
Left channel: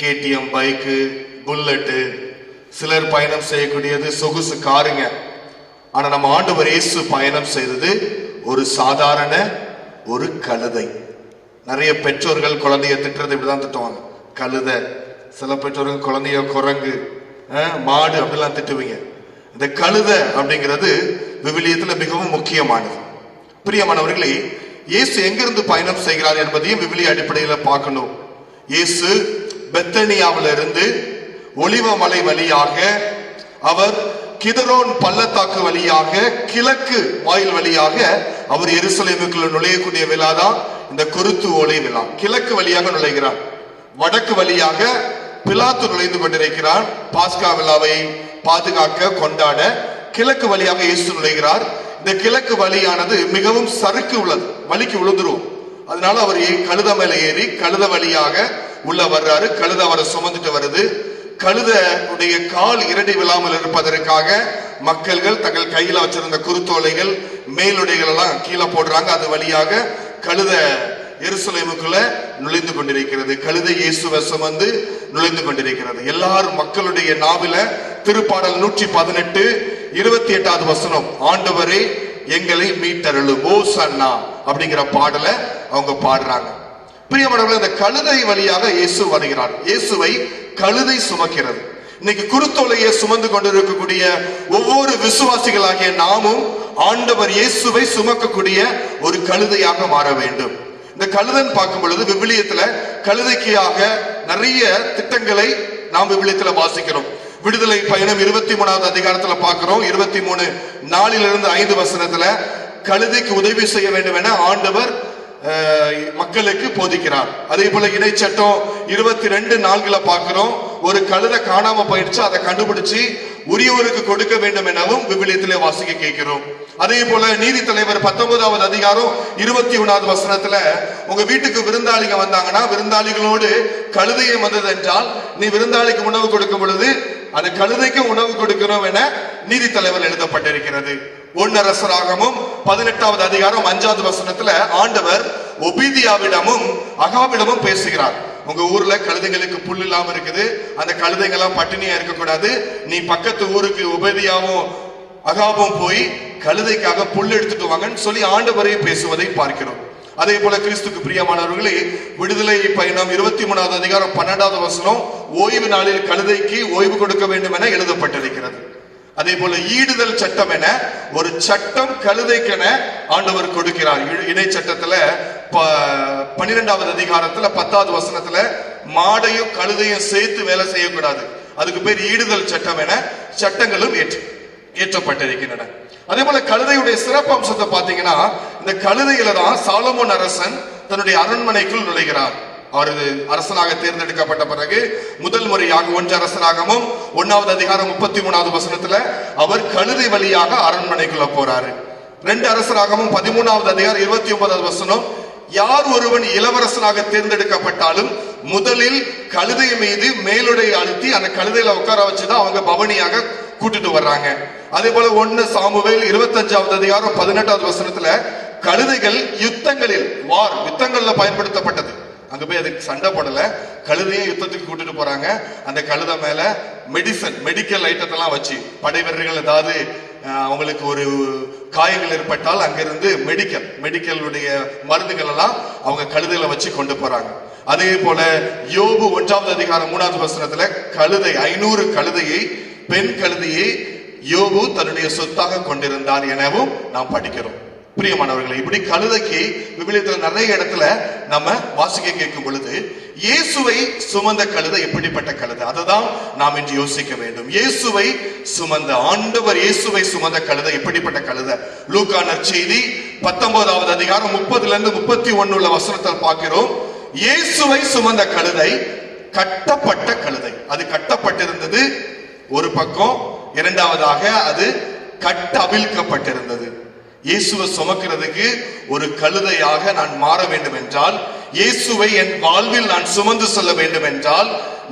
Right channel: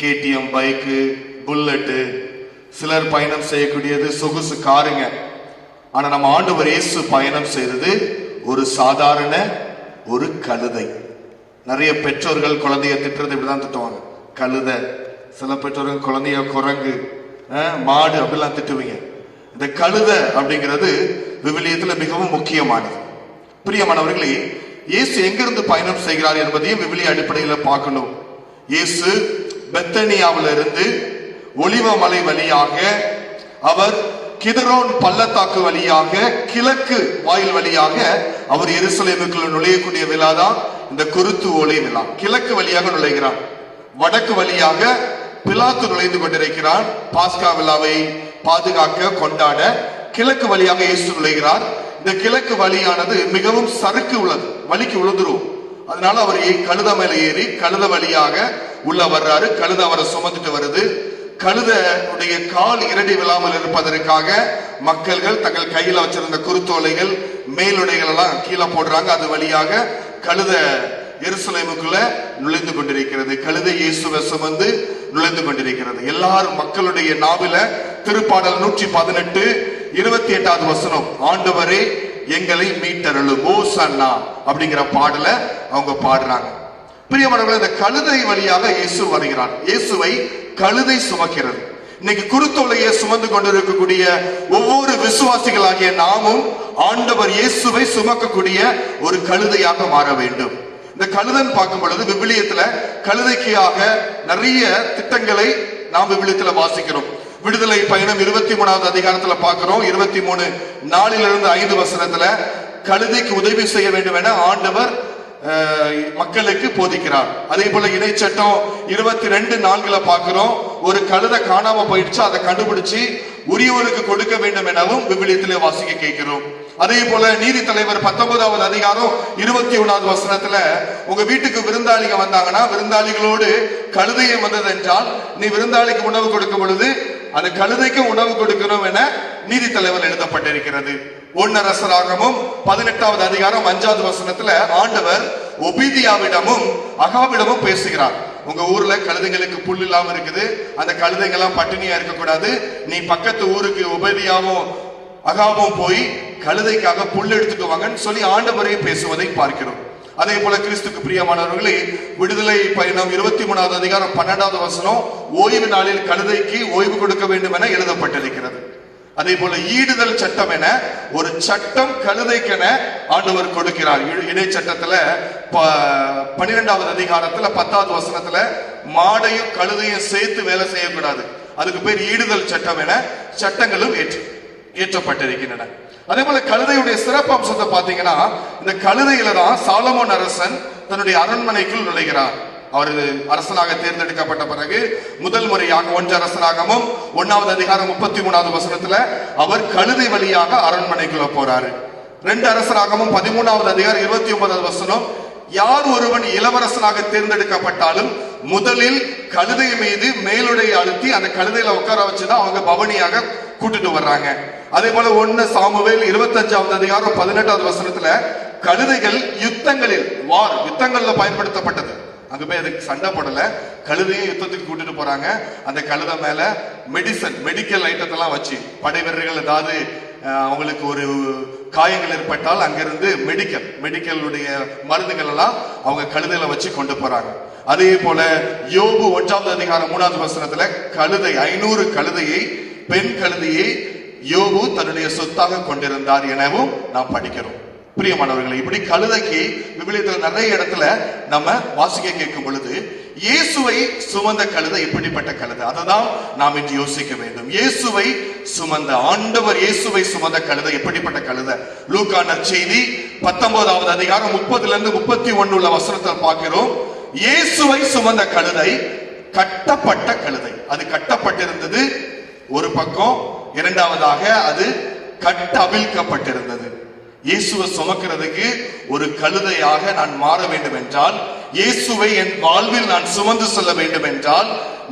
கேடிஎம் பைக்கு, புல்லட்டு, சிலர் பயணம் செய்யக்கூடியது சொகுசு காருங்க. ஆனா நம்ம ஆண்டவர் இயேசு பயணம் செய்தது ஒரு சாதாரண ஒரு கழுதை. நிறைய பெற்றோர்கள் குழந்தைய திட்டுறது இப்படிதான் திட்டுவாங்க, கழுதை. சில பெற்றோர்கள் குழந்தைய குரங்கு, மாடு அப்படிலாம் திட்டுவீங்க. இந்த கழுதை அப்படிங்கிறது விவிலியத்துல மிகவும் முக்கியமானது. பிரியமானவர்களே, இயேசு எங்கிருந்து பயணம் செய்கிறார் என்பதையும் விவிலிய அடிப்படையில் பார்க்கணும். இயேசு பெத்தனியாவில இருந்து ஒலிவ மலை வழியாக அவர் கிதரோன் பள்ளத்தாக்கு வழியாக கிழக்கு வாயில் வழியாக அவர் எருசலேமுக்குள்ள நுழையக்கூடிய விழாதான் இந்த குருத்து ஓலை விழா. கிழக்கு வழியாக நுழைகிறார். வடக்கு வழியாக பிலாத்து நுழைந்து கொண்டிருக்கிறார். பாஸ்கா விழாவை பாதுகாக்க கொண்டாட கிழக்கு வழியாக இயேசு நுழைகிறார். இந்த கிழக்கு வழியானது மிகவும் சறுக்கு உள்ளது, வழிக்கு விழுந்துரும். அதனால அவர் கழுத மேல ஏறி கழுத வழியாக உள்ள வர்றாரு. கழுத அவரை சுமந்துட்டு வருது. கழுத உடைய கால் இரடி விழாமல் இருப்பதற்காக மக்கள்கள் தங்கள் கையில வச்சிருந்த குருத்தோலைகள் மேலுடைகள் எல்லாம் கீழே போடுறாங்க. அது வழியாக கழுத எருசலேமுக்குள்ள நுழைந்து கொண்டிருக்கிறது. கழுதை இயேசுவை சுமந்து நுழைந்து கொண்டிருக்கிறது. எல்லாரும் மக்களுடைய நாவில திருப்பாடல் 118 28வது வசனம், ஆண்டவரே எங்களை மீட்டருளும் ஓசன்னா அப்படிங்கிற பாடலை அவங்க பாடுறாங்க. பிரியமானவர்களே, இந்த கழுதை வழியாக இயேசு வருகிறார். இயேசுவை கழுதை சுமக்கிறது. இன்னைக்கு குருத்தோலையை சுமந்து கொண்டிருக்கக்கூடிய ஒவ்வொரு விசுவாசிகளாகிய நாமும் ஆண்டவர் இயேசுவை சுமக்கக்கூடிய ஒரு கழுதையாக மாற வேண்டும். இந்த கழுதன் பார்க்கும் பொழுது விவிலியத்துல கழுதைக்காக நிறைய திட்டங்களை நாம் விவிலியத்துல வாசிக்கிறோம். விடுதலை பயணம் 23வது அதிகாரத்துல பார்க்கிறோம். 23:4 5 வசனத்துல கழுதைக்கு உதவி செய்ய வேண்டும் என ஆண்டவர் மக்களுக்கு போதிக்கிறார். அதே போல இணை சட்டம் 22:4 பார்க்கிறோம். ஒரு கழுதை காணாம போயிடுச்சு, அதை கண்டுபிடிச்சு உரியவருக்கு கொடுக்க வேண்டும் எனவும் விவிலியத்திலே வாசிக்க கேட்கிறோம். அதே போல நீதி தலைவர் 19வது அதிகாரம் 21வது வசனத்துல உங்க வீட்டுக்கு விருந்தாளிங்க வந்தாங்கன்னா விருந்தாளிகளோடு கழுதையை வந்தது என்றால் நீ விருந்தாளிக்கு உணவு கொடுக்கும் பொழுது அது கழுதைக்கு உணவு கொடுக்கணும் என நீதி தலைவர் எழுதப்பட்டிருக்கிறது. 1 அரசராகமும் 18வது அதிகாரம் 5வது வசனத்துல ஆண்டவர் ஒபீதியாவிடமும் அகாவிடமும் பேசுகிறார். உங்க ஊர்ல கழுதைங்களுக்கு புல் இல்லாம இருக்குது, அந்த கழுதைங்கெல்லாம் பட்டினியா இருக்கக்கூடாது, நீ பக்கத்து ஊருக்கு ஒபீதியாவும் அகாவும் போய் கழுதைக்காக புல் எடுத்துட்டு வாங்கன்னு சொல்லி ஆண்டவரே பேசுவதை பார்க்கிறோம். அதே போல கிறிஸ்துக்கு பிரியமானவர்களே, விடுதலை பயணம் 23வது அதிகாரம் 12வது வசனம் ஓய்வு நாளில் கழுதைக்கு ஓய்வு கொடுக்க வேண்டும் என எழுதப்பட்டிருக்கிறது. அதே போல ஈடுதல் சட்டம் என ஒரு சட்டம் கழுதைக்கென ஆண்டவர் கொடுக்கிறார். இணை சட்டத்துல 12வது அதிகாரத்துல 10வது வசனத்துல மாடையும் கழுதையும் சேர்த்து வேலை செய்யக்கூடாது, அதுக்கு பேர் ஈடுதல் சட்டம் என சட்டங்களும் ஏற்றப்பட்டிருக்கின்றன. அதே போல கழுதையுடைய சிறப்பு அம்சத்தை பாத்தீங்கன்னா, இந்த கழுதையில தான் சாலமோன் அரசன் தன்னுடைய அரண்மனைக்குள் நுழைகிறார். அவர் அரசனாக தேர்ந்தெடுக்கப்பட்ட பிறகு முதல் முறையாக 1 அரசராகமும் 1வது அதிகாரம் 33வது வசனத்துல அவர் கழுதை வழியாக அரண்மனைக்குள்ள போறாரு. 2 அரசராகமும் 13வது அதிகாரம் 29வது வசனம், யார் ஒருவன் இளவரசனாக தேர்ந்தெடுக்கப்பட்டாலும் முதலில் கழுதை மீது மேலுடைய அழுத்தி அந்த கழுதையில உட்கார வச்சுதான் அவங்க பவனியாக கூட்டிட்டு வர்றாங்க. அதே போல 1 சாமுவேல் 25வது அதிகாரம் 18வது வசனத்துல கழுதைகள் யுத்தங்கள்ல பயன்படுத்தப்பட்டது. அங்க போய் அதுக்கு சண்டை போடல, கழுதையை யுத்தத்துக்கு கூட்டிட்டு போறாங்க. அந்த கழுதை மேல மெடிக்கல் ஐட்டத்தெல்லாம் வச்சு படை வீரர்கள் ஏதாவது அவங்களுக்கு ஒரு காயங்கள் ஏற்பட்டால் அங்கிருந்து மெடிக்கலுடைய மருந்துகள் எல்லாம் அவங்க கழுதையில வச்சு கொண்டு போறாங்க. அதே போல யோபு 1வது அதிகாரம் 3வது வசனத்துல 500 கழுதையை பெண் கழுதையை யோபு தன்னுடைய சொத்தாக கொண்டிருந்தார் எனவும் நாம் படிக்கிறோம். பிரியமானவர்களை, இப்படி கழுதைக்கு விவிலியத்தில் நிறைய இடத்துல நம்ம வாசிக்க கேட்கும் பொழுது இயேசுவை சுமந்த கழுதை எப்படிப்பட்ட கழுதை, அதுதான் நாம் இன்று யோசிக்க வேண்டும். இயேசுவை சுமந்த ஆண்டவர் இயேசுவை சுமந்த கழுதை எப்படிப்பட்ட கழுதை? லூக்கா நற்செய்தி 19வது அதிகாரம் 30லிருந்து 31 உள்ள வசனத்தில் பார்க்கிறோம். இயேசுவை சுமந்த கழுதை கட்டப்பட்ட கழுதை. அது கட்டப்பட்டிருந்தது ஒரு பக்கம், இரண்டாவதாக அது கட்டவிழ்க்கப்பட்டிருந்தது. இயேசுவை சுமக்கிறதுக்கு ஒரு கழுதையாக நான் மாற வேண்டும் என்றால், இயேசுவை என் வாழ்வில் நான் சுமந்து செல்ல வேண்டும் என்றால்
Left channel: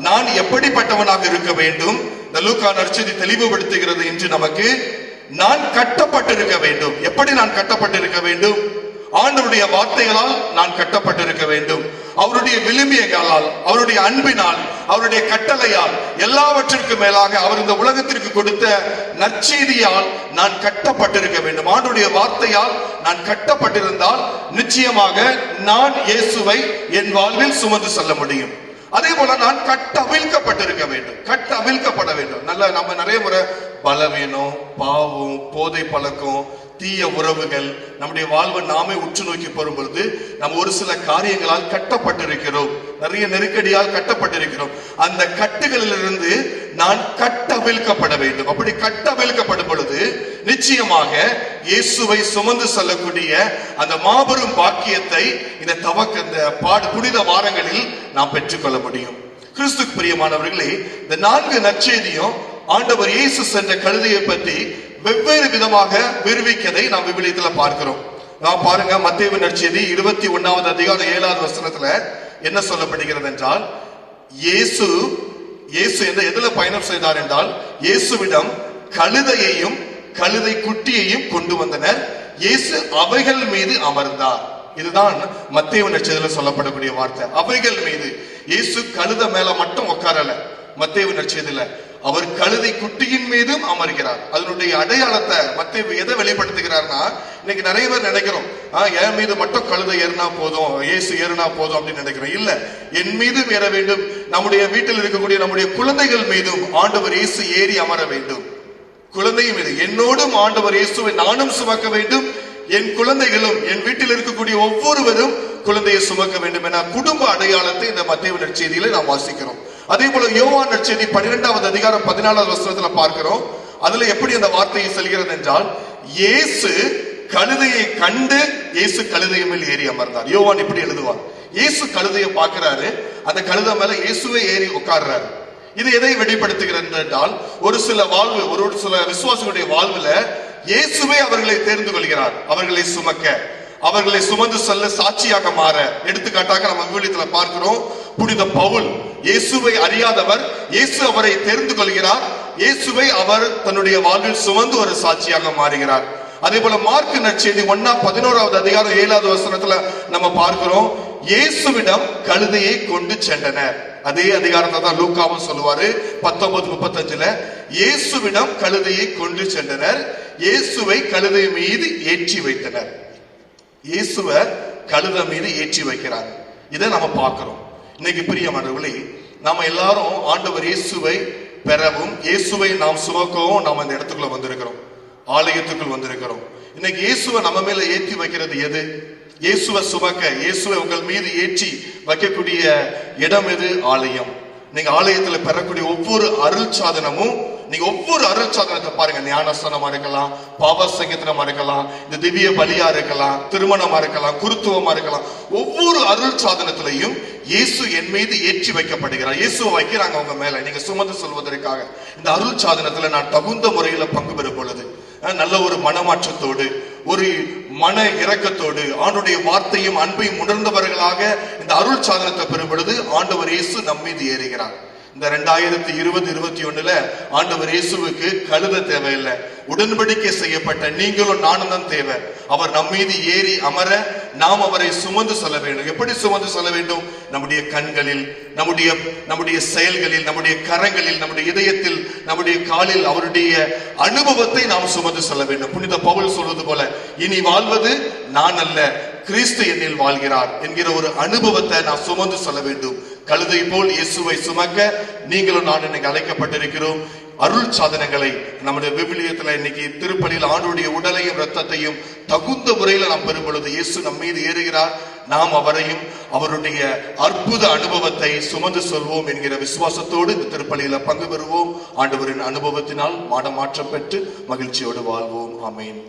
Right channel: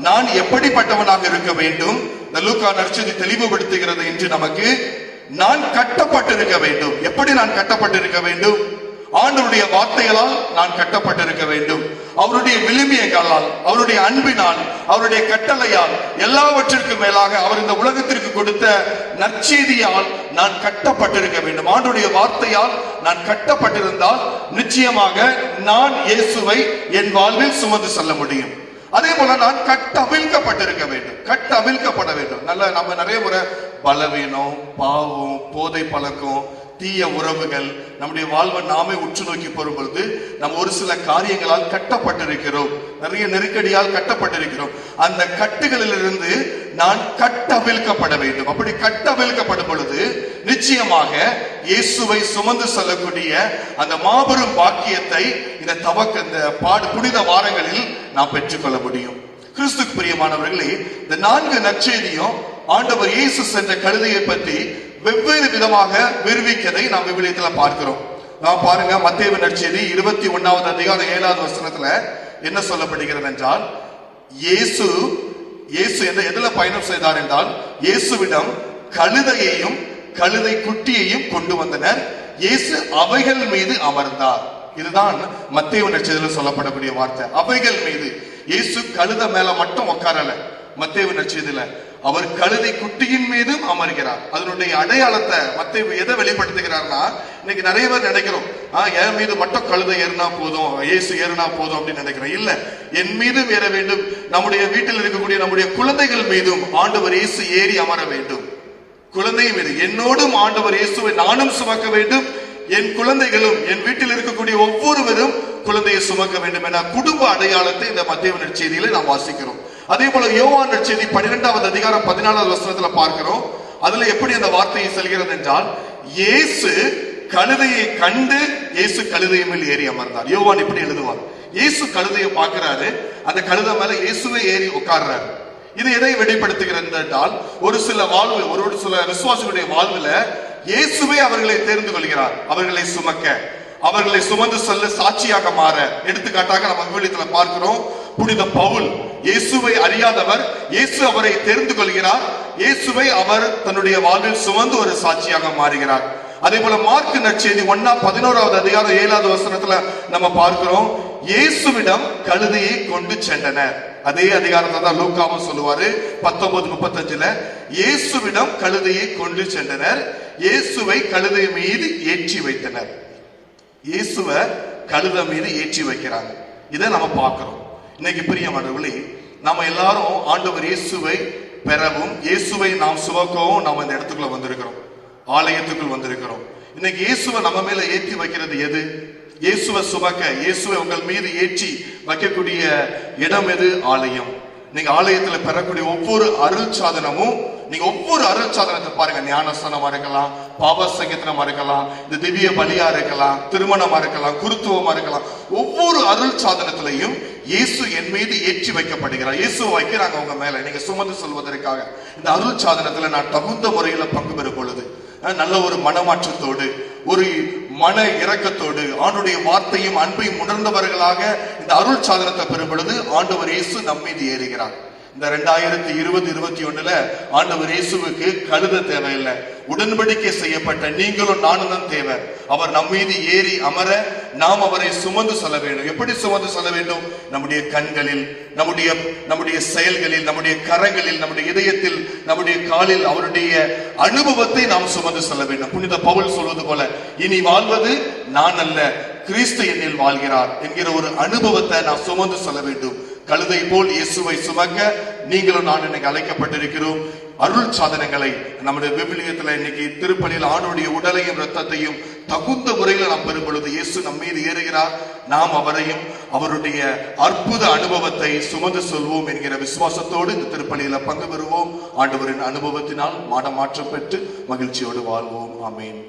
நான் எப்படிப்பட்டவனாக இருக்க வேண்டும்? இந்த லூக்கா நற்செய்தி தெளிவுபடுத்துகிறது. இன்று நமக்கு நான் கட்டப்பட்டிருக்க வேண்டும். எப்படி நான் கட்டப்பட்டிருக்க வேண்டும்? ஆண்டவருடைய வார்த்தைகளால் நான் கட்டப்பட்டிருக்க வேண்டும். அவருடைய விழுமியங்களால், அவருடைய அன்பினால், அவருடைய கட்டளையால், எல்லாவற்றிற்கும் மேலாக அவர் இந்த உலகத்திற்கு கொடுத்த நற்செய்தியால் நான் கட்டப்பட்டிருக்க வேண்டும். ஆண்டவருடைய வார்த்தையால் நான் கட்டப்பட்டிருந்தால் நிச்சயமாக நான் இயேசுவை என் வாழ்வில் சுமந்து செல்ல முடியும். அதே போல நான் கட்டவிழ்க்கப்பட்டிருக்க வேண்டும், கட்டவிழ்க்கப்பட வேண்டும். நம்ம நிறைய முறை பலவீனம், பாவம், போதை பழக்கம், தீய உறவுகள் நம்முடைய வாழ்வை நாமே உற்று நோக்கி போகும் பொழுது நம்ம ஒரு சில காரியங்களால் கட்டப்பட்டிருக்கிறோம், நிறைய நெருக்கடியால் கட்டப்பட்டிருக்கிறோம். அந்த கட்டுகளிலிருந்து நான் கட்டவிழ்க்கப்பட வேண்டும். அப்படி கட்டவிழ்க்கப்படும் பொழுது நிச்சயமாக இயேசுவை சுமந்து செல்லக்கூடிய அந்த மாபெரும் பாக்கியத்தை இந்த புனித வாரங்களில் நாம் பெற்றுக்கொள்ள முடியும். கிறிஸ்துக்கு பிரியமானவர்களே, இந்த 4 நற்செய்தியும் ஆண்டவர் இயேசு சென்ற கழுதையை பற்றி வெவ்வேறு விதமாக விரிவிக்கதை நாம் விவிலியத்தில் பார்க்கிறோம். நாம் பாருங்க, மத்தேயு நற்செய்தி 21வது அதிகாரம் 7வது வசனத்துல என்ன சொல்லப்படுகிறது என்றால், இயேசு எதுல பயணம் செய்தார் என்றால், இயேசுவிடம் கழுதையையும் கழுதை குட்டியையும் கொண்டு வந்தனர், இயேசு அவைகள் மீது அமர்ந்தார். இதுதான் மத்தேயு நற்செய்தியில சொல்லப்படக்கூடிய வார்த்தை, அவைகள் மீது. இயேசு கழுதை மேல மட்டும் உட்காரல. மத்தேயு நற்செய்தியில அவர் கழுதை குட்டியின் மீதும் அமர்கிறார். அதனுடைய அடையாளத்தை மத்தேயு எதை வெளிப்படுத்துகிறார்னா, இன்னைக்கு நிறைய பேர் நினைக்கிறோம், என் மீது மட்டும் கழுதை ஏறினா போதும், இயேசு ஏறினா போதும் அப்படின்னு நினைக்கிறோம். இல்ல, என் மீதும் ஏற வேண்டும், நம்முடைய வீட்டில் இருக்கக்கூடிய நம்முடைய குழந்தைகள் மீதும் ஆண்டவர் இயேசு ஏறி அமர வேண்டும். குழந்தை மீது என்னோடும் ஆண்டவர் இயேசுவை நானும் சுமக்க வேண்டும், என் குழந்தைகளும், என் வீட்டில் இருக்கக்கூடிய ஒவ்வொருவரும் குழந்தையை சுமக்க வேண்டும் என குடும்ப அடையாளத்தை இந்த மத்தேயு நற்செய்தியில நாம் வாசிக்கிறோம். அதே போல யோவான் நற்செய்தி 12வது அதிகாரம் 14வது வசனத்துல பார்க்கிறோம். அதுல எப்படி அந்த வார்த்தையை சொல்கிறது என்றால், இயேசு கழுதையை கண்டு இயேசு கழுதை மேல் ஏறி அமர்ந்தார். யோவான் இப்படி எழுதுவார், இயேசு கழுதையை பார்க்கிறாரு, அந்த கழுதை மேல இயேசுவே ஏறி உட்கார்றாரு. இது எதை வெளிப்படுத்துகிறது என்றால், ஒரு சில விசுவாசிகளுடைய வாழ்வுல இயேசுவே அவர்களை தேர்ந்து கொள்கிறார், அவர்களை சுமக்க, அவர்களை சுமந்து செல்ல, சாட்சியாக மாற. எடுத்துக்காட்டாக நம்ம விவிலியத்தில் பார்க்கிறோம், புனித பவுல் இயேசுவை அறியாதவர், இயேசு அவரை தெரிந்து கொள்கிறார், இயேசுவை அவர் தன்னுடைய வாழ்வில் சுமந்து ஒரு சாட்சியாக மாறுகிறார். அதே போல மார்க் நற்செய்தி 1:11 அதிகாரம் 7வது வசனத்துல நம்ம பார்க்கிறோம், இயேசுவிடம் கழுதையை கொண்டு சென்றனர். அதே அதிகாரத்தை தான் லூக்காவும் சொல்லுவாரு 19:35. இயேசுவிடம் கழுதையை கொண்டு சென்றனர், இயேசுவை கழுதை மீது ஏற்றி வைத்தனர். இயேசுவை கழுதை மீது ஏற்றி வைக்கிறாங்க. இதை நம்ம பார்க்கிறோம். இன்னைக்கு பிரியமானவர்களே, நம்ம எல்லாரும் ஆண்டவர் இயேசுவை பெறவும் இயேசுவை நாம் சுமக்கவும் நாம் இந்த இடத்துக்குள்ள வந்திருக்கிறோம், ஆலயத்துக்குள் வந்திருக்கிறோம். இன்னைக்கு இயேசுவை நம்ம மேல ஏற்றி வைக்கிறது எது? இயேசுவை சுமக்க, இயேசுவை உங்கள் மீது ஏற்றி வைக்கக்கூடிய இடம் எது? ஆலயம். நீங்க ஆலயத்துல பெறக்கூடிய ஒவ்வொரு அருள் சாதனமும், நீங்க ஒவ்வொரு அருள் சாதனத்தை பாருங்க, ஞானஸ்தானமா இருக்கலாம், பாப சங்கீதமா இருக்கலாம், இந்த திவ்ய பலியா இருக்கலாம், திருமணமா இருக்கலாம், குருத்துவமா இருக்கலாம், ஒவ்வொரு அருள் சாதனத்திலையும் இயேசு என் மீது ஏற்றி வைக்கப்படுகிறார். இயேசுவை வைக்கிறாங்க அவங்க மேல, நீங்க சுமந்து சொல்வதற்காக. இந்த அருள் சாதனத்துல நான் தகுந்த முறையில பங்கு பெறும் பொழுது, நல்ல ஒரு மனமாற்றத்தோடு, ஒரு மன இரக்கத்தோடு, ஆண்டுடைய வார்த்தையும் அன்பையும் உணர்ந்தவர்களாக இந்த அருள் சாதனத்தை பெறும் பொழுது ஆண்டவர் இயேசு நம்மீது ஏறுகிறார். இந்த 2020-21 ஆண்டவர் இயேசுவுக்கு கழுத தேவையில்லை, உடன்படிக்கை செய்யப்பட்ட நீங்களும் நானும் தான் தேவை. அவர் நம்மீது ஏறி அமர நாம் அவரை சுமந்து செல்ல வேண்டும். எப்படி சுமந்து செல்ல வேண்டும்? நம்முடைய கண்களில், நம்முடைய செயல்களில், நம்முடைய கரங்களில், நம்முடைய இதயத்தில், நம்முடைய காலில் அவருடைய அனுபவத்தை நாம் சுமந்து செல்ல வேண்டும். புனித பவுல் சொல்வது போல, இனி வாழ்வது நான் அல்ல, கிறிஸ்து என்னில் வாழ்கிறார் என்கிற ஒரு அனுபவத்தை நான் சுமந்து செல்ல வேண்டும். கழுதை போல் இயேசுவை சுமக்க நீங்களும் நான் இன்னைக்கு அழைக்கப்பட்டிருக்கிறோம். அருள் சாதனங்களை நம்முடைய விவிலியத்துல இன்னைக்கு திருப்பலியில் ஆண்டுடைய உடலையும் இரத்தத்தையும் தகுந்த முறையில நாம் பெறும் பொழுது இயேசு நம் மீது ஏறுகிறார். நாம் அவரையும் அவருடைய அற்புத அனுபவத்தை சுமந்து சொல்வோம் என்கிற விசுவாசத்தோடு இந்த திருப்பலியில பங்கு பெறுவோம். ஆண்டவரின் அனுபவத்தினால் மாற்றம் பெற்று மகிழ்ச்சியோடு வாழ்வோம். ஆமென்.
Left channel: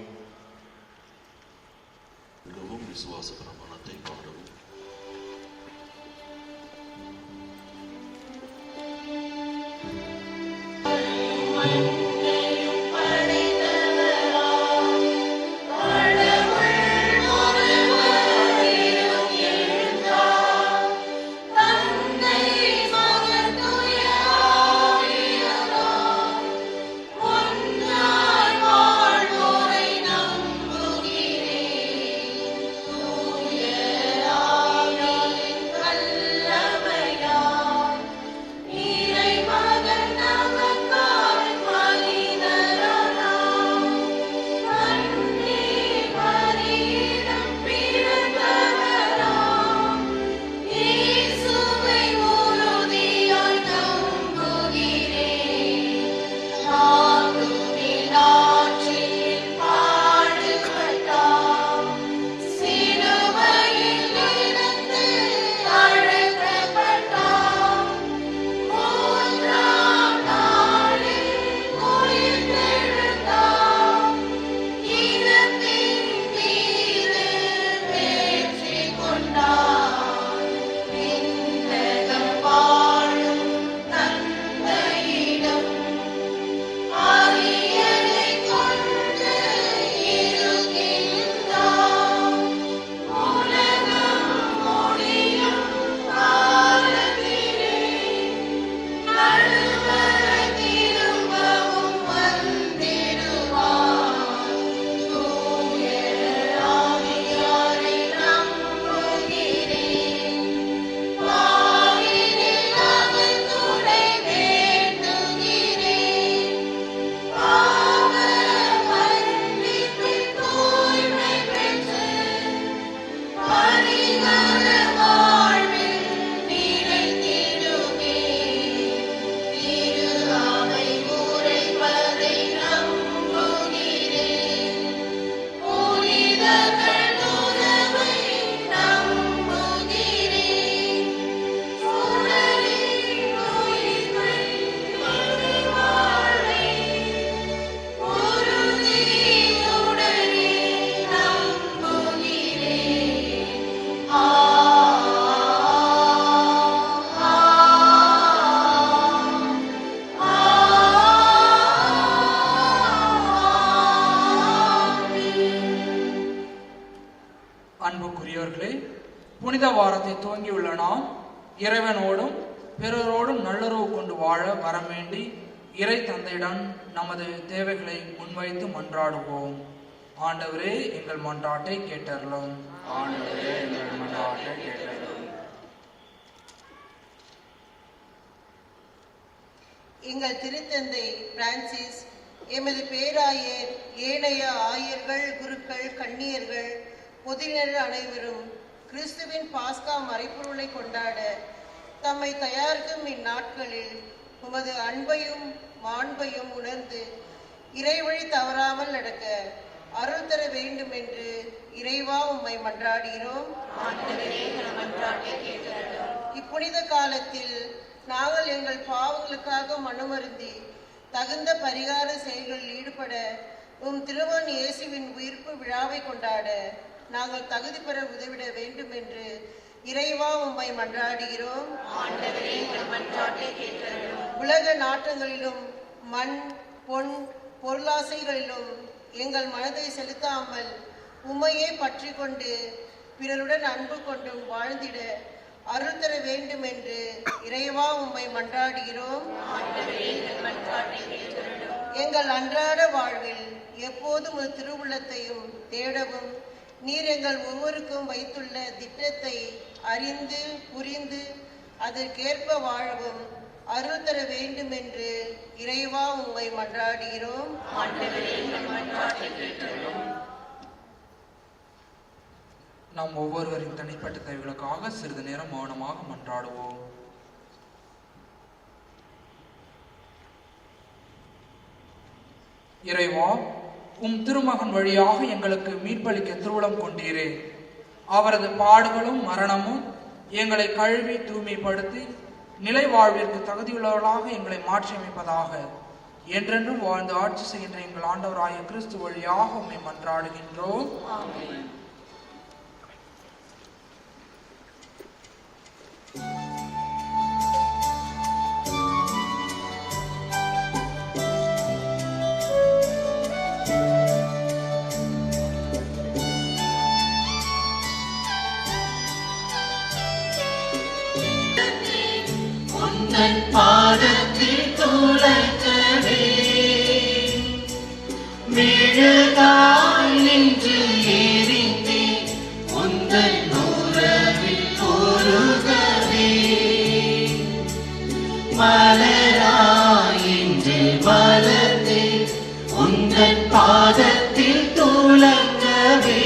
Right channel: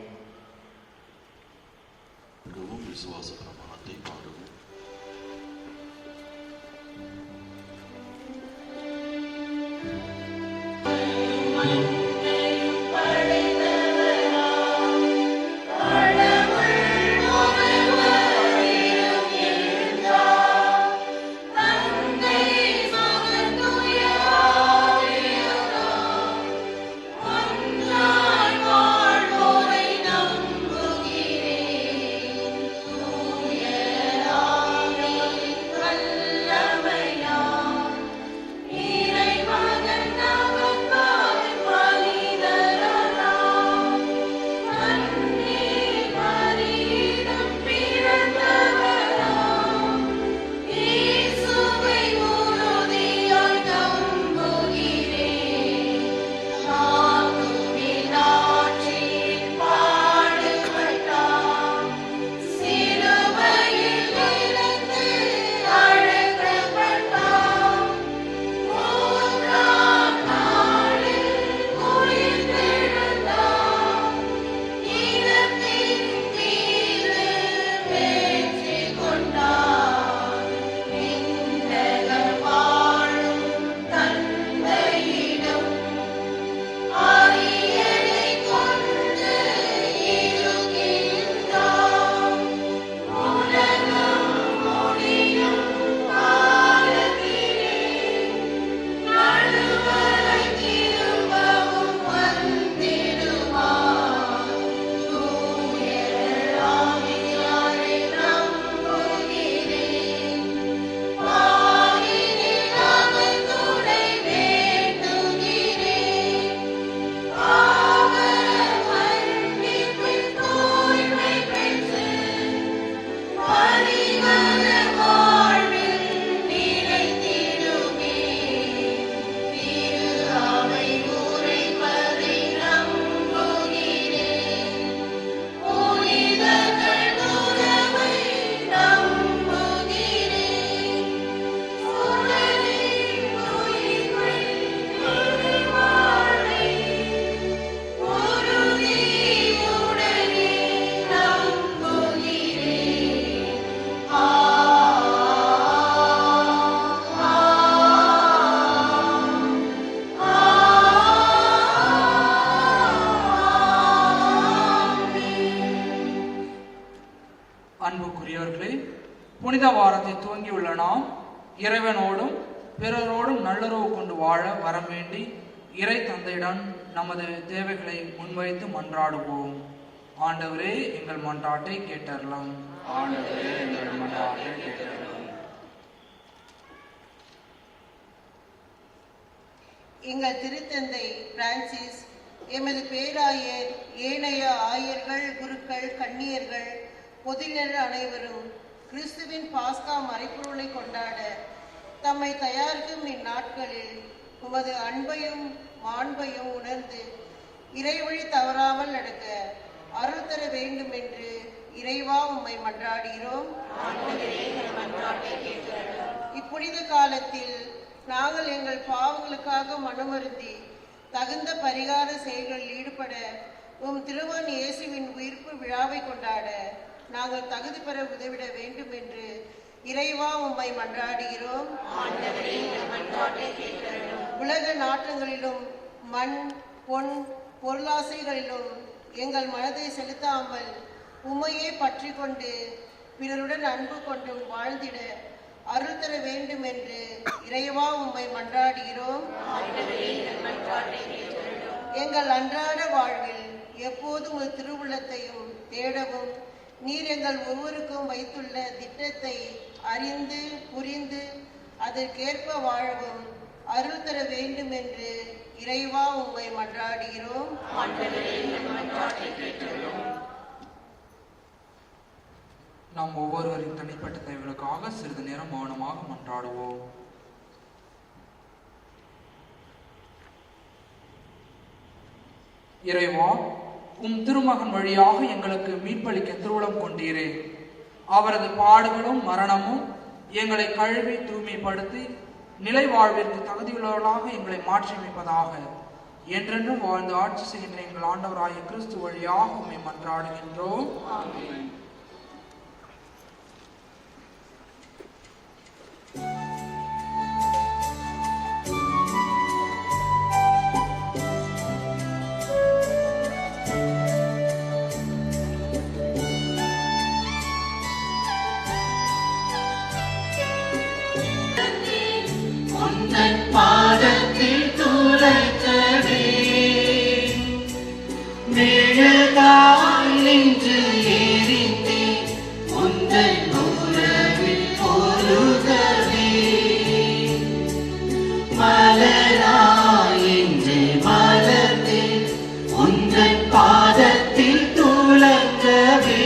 விசுவாச பிரமாணத்தை பாடுவோம். அன்புக்குரியவர்களே, புனித வாரத்தை துவங்கியுள்ள நாம் இறைவனோடும் பிறரோடும் நல்லுறவு கொண்டு வாழ வரம் வேண்டி இறை தந்தையிடம் நமது தேவைகளை முன்வைத்து மன்றாடுவோம். ஆண்டவரே எங்கள் மன்றாட்டை கேட்டருளும். ஆண்டவரே எங்கள் மன்றாட்டை கேட்டருளும். எங்கள் திருத்தந்தை பிரான்சிஸ், எமது பேராயர், ஏனைய ஆயர்கள், குருக்கள், கன்னியர்கள், பொதுநிலை அனைவரும் கிறிஸ்துவின் பாஸ்கா மறைப்பொருளை கொண்டாட தம்மை தயாரிக்கும் இந்நாட்களில் உமது அன்பையும் மாண்பையும் உணர்ந்து இறைவழி தவறாமல் நடக்க அருள் தர வேண்டும் என்று இறைவா உம்மை மன்றாடுகிறோம். இப்புனித காலத்தில் நாங்கள் எங்கள் பாவங்களுக்காக மனமருந்தி தகுந்த பரிகார செயல்களில் ஈடுபட உம் திருமகன் இயேசுவின் உயிர்ப்பு விழாவை கொண்டாட நாங்கள் தகுதி பெற உதவிட வேண்டும் என்று இறைவா உம்மை மன்றாடுகிறோம். உலக நாட்டங்களிலும் மண், பொன், பொருளாசைகளிலும் எங்கள் மனதை செலுத்தாமல் உம்மையே பற்றி கொண்டு பிறருடன் அன்பு கொண்டும் வாழ்ந்திட அருள் தர வேண்டும் என்று இறைவா உம்மை மன்றாடுகிறோம். எங்கள் அன்றாட வாழ்வில் எப்போதும் ஒரு திருவுள்ளத்தையும் தேடவும் நீர் எங்கள் ஒவ்வொருக்கும் வைத்துள்ள திட்டத்தை அறிந்து புரிந்து அதற்கேற்ப வாழவும் அருள் தர வேண்டும் என்று இறைவா உம்மை மன்றாடுகிறோம். நாம் ஒவ்வொருவரின் தனிப்பட்ட தேவைகளுக்காக சிறிது நேரம் மௌனமாக மன்றாடுவோம். இறைவா, உம் திருமகன் வழியாக எங்களுக்கு மீட்பளிக்க திருவுளம் கொண்டீரே. அவரது பாடுகளும் மரணமும் எங்களை கழுவி தூய்மைப்படுத்தி நிலை வாழ்விற்கு தகுதியுள்ளவர்களாக எங்களை மாற்றியமைப்பதாக. என்றென்றும் வாழ்ந்து ஆட்சி செய்கின்ற எங்கள் ஆண்டவராகிய கிறிஸ்து வழியாக உம்மை மன்றாடுகின்றோம். பாதத்தில் துளைக்கவே மெழுகாய் நின்று எரிந்தே உந்தன் உறவில் பொருகவே மலராய் இன்று மலர்ந்தே உந்தன் பாதத்தில் துளைக்கவே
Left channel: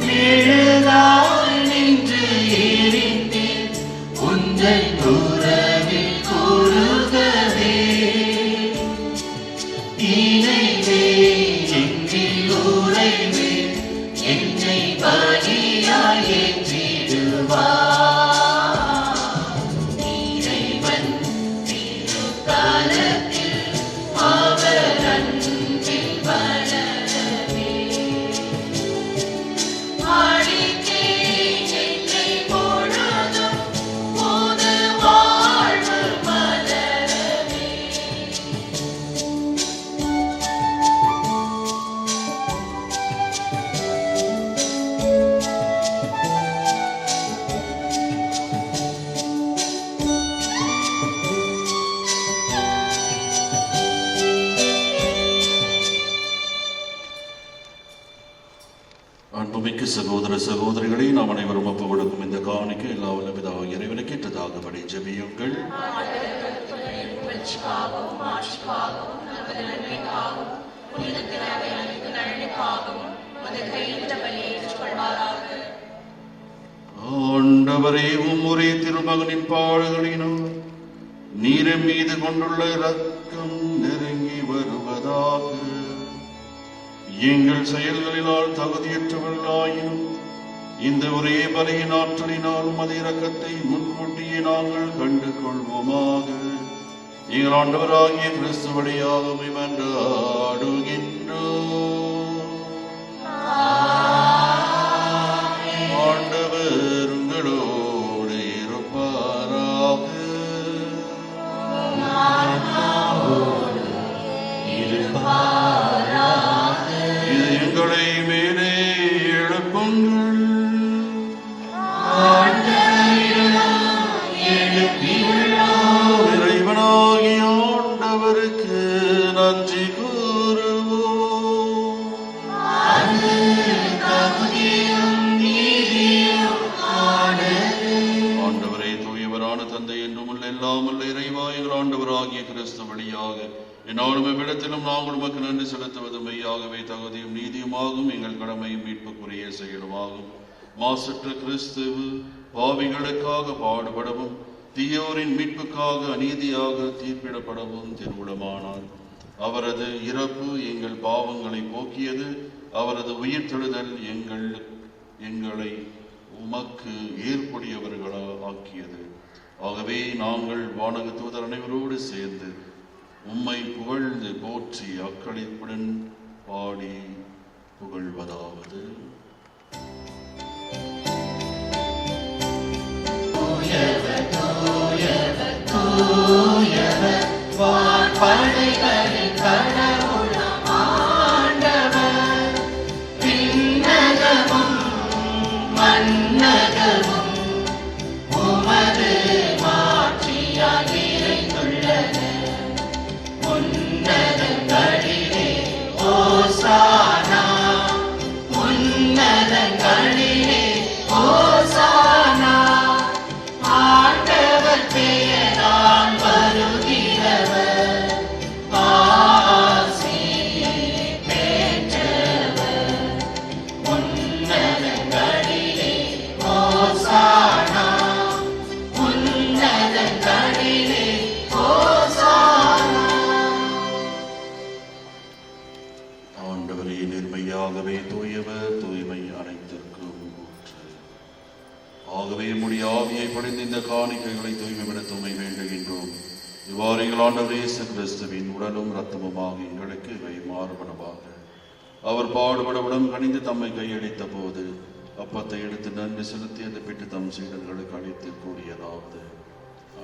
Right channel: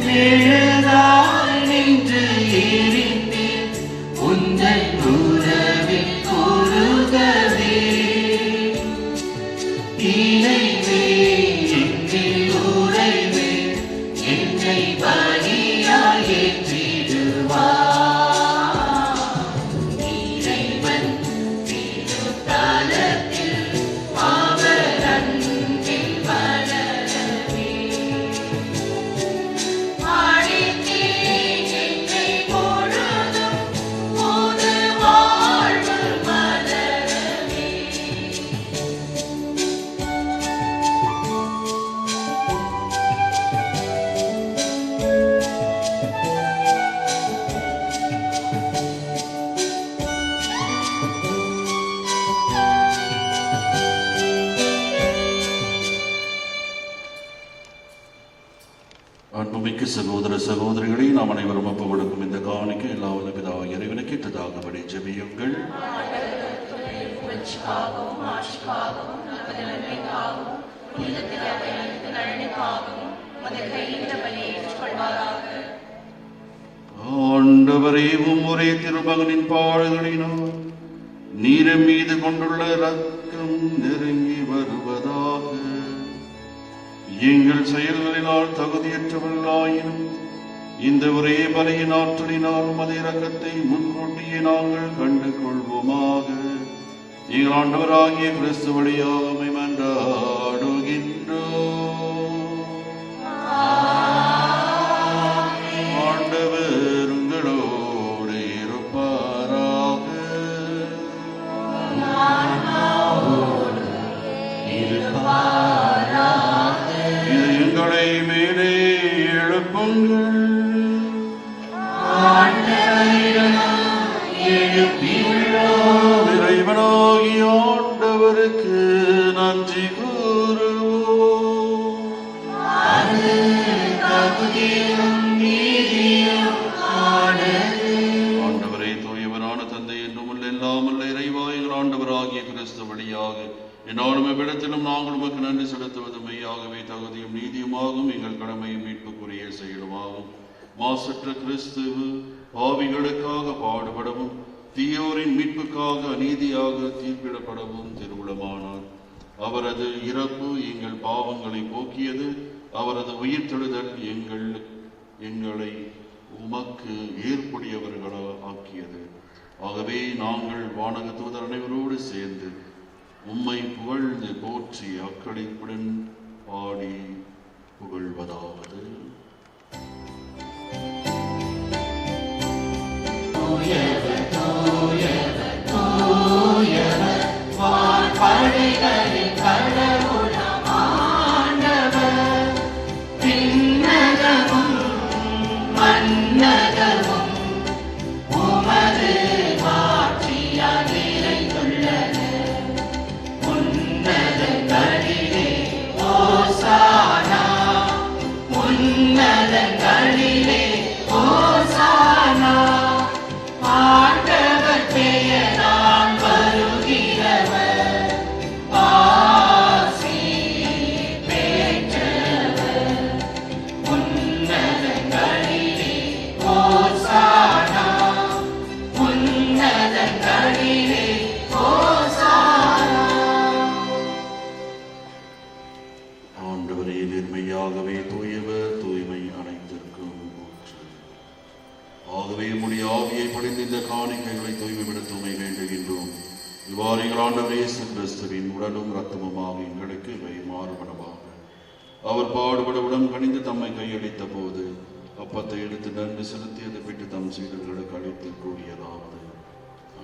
மெழுகாய் நின்று எரிந்தே உந்தன் உறவில் பொருகவே இணைவே எங்கள் உறைவே என்னை பலியாய் ஏற்றிடுவார் இறைவன் திருத்தலத்தில் அவர் அன்பில் வளரவே ஆடித்தேன் என்னை பொழுதும் புது வாழ்வு மலரவே. அன்புமிக்க சகோதர சகோதரிகளை நாம் அனைவரும் ஒப்பு கொடுக்கும் இந்த காணிக்கை எல்லா பிதாவாகிய இறைவனுக்கு இட்டதாகும்படி ஜெபியுங்கள். ஆண்டவரே, ஒரே திருமகனின் பாடுகளினால் நீரின் மீது கொண்டுள்ள இரக்கம் நெருங்கி வருவதாக. எங்கள் செயல்களினால் தகுதியற்றவர்களாயினும் இந்த ஒரே பலியின் ஆற்றலினாலும் அதே இரக்கத்தை முன்கூட்டியே நாங்கள் கண்டு கொள்வோமாக. எங்கள் ஆண்டவராகிய கிறிஸ்து வழியாக உம்மை மன்றாடுகின்றோம். ஆண்டவர் உங்களோடு இருப்பாராக. இது எங்களை மேலே எழுப்புங்கள். இறைவனாகிய ஆண்டவருக்கு நன்றி கூறுவோம். உள்ள எல்லாம் உள்ள இறைவா எங்கள் ஆண்டவராகிய கிறிஸ்து வழியாக என்னாலும் இவ்விடத்திலும் நாங்கள் உமக்கு நன்றி செலுத்துவது மெய்யாகவே தகுதியும் நீதியுமாகும் எங்கள் கடமையும் மீட்புக்குரிய செயலுமாகும். மாசற்ற கிறிஸ்து பாவிகளுக்காக பாடுபடவும் தீயோரின் மீட்புக்காக அநீதியாக தீர்ப்பிடப்படவும் திருவுளமானார். அவரது இறப்பு எங்கள் பாவங்களை போக்கியது, அவரது உயிர்த்தெழுதல் எங்களை உமக்கு ஏற்புடையவர்களாக ஆக்கியது. ஆகவே நாங்கள் வானக தூதர் அனைவரோடு சேர்ந்து உம்மை புகழ்ந்து போற்றி அக்களிப்புடன் பாடி புகழ்வதாவது. படைகளின் கடவுளாம் ஆண்டவர், விண்ணகமும் மண்ணகமும் உமது மாட்சியால் நிறைந்துள்ளன. உன்னதங்களிலே ஓசானா, உன்னதங்களிலே ஓசானா. ஆண்டவர் பெயரால் வருகிறவர், ஆசி பெற்றவர். உன்னதங்களிலே ஓசானா, உன்னதங்களிலே ஓசானா. ஆண்டவரே நேர்மையாகவே தூயவர், தூய்மை அனைத்திற்கும் ஊற்று. ஆகவே உம்முடைய ஆவியை பொழிந்து இந்த காணிக்கைகளை தூய்மைவிட தூய்மை வேண்டுகின்றோம். இவ்வாறு எங்கள் ஆண்டவர் இயேசு கிறிஸ்துவின் உடலும் இரத்தமுமாக எங்களுக்கு இவை மாறுபடமாக. அவர் பாடுபட உடன் கணிந்து தம்மை கையளித்த போது அப்பத்தை எடுத்து நன்றி செலுத்தி அதை பிட்டு தம் சீடர்களுக்கு அளித்து கூறியதாவது:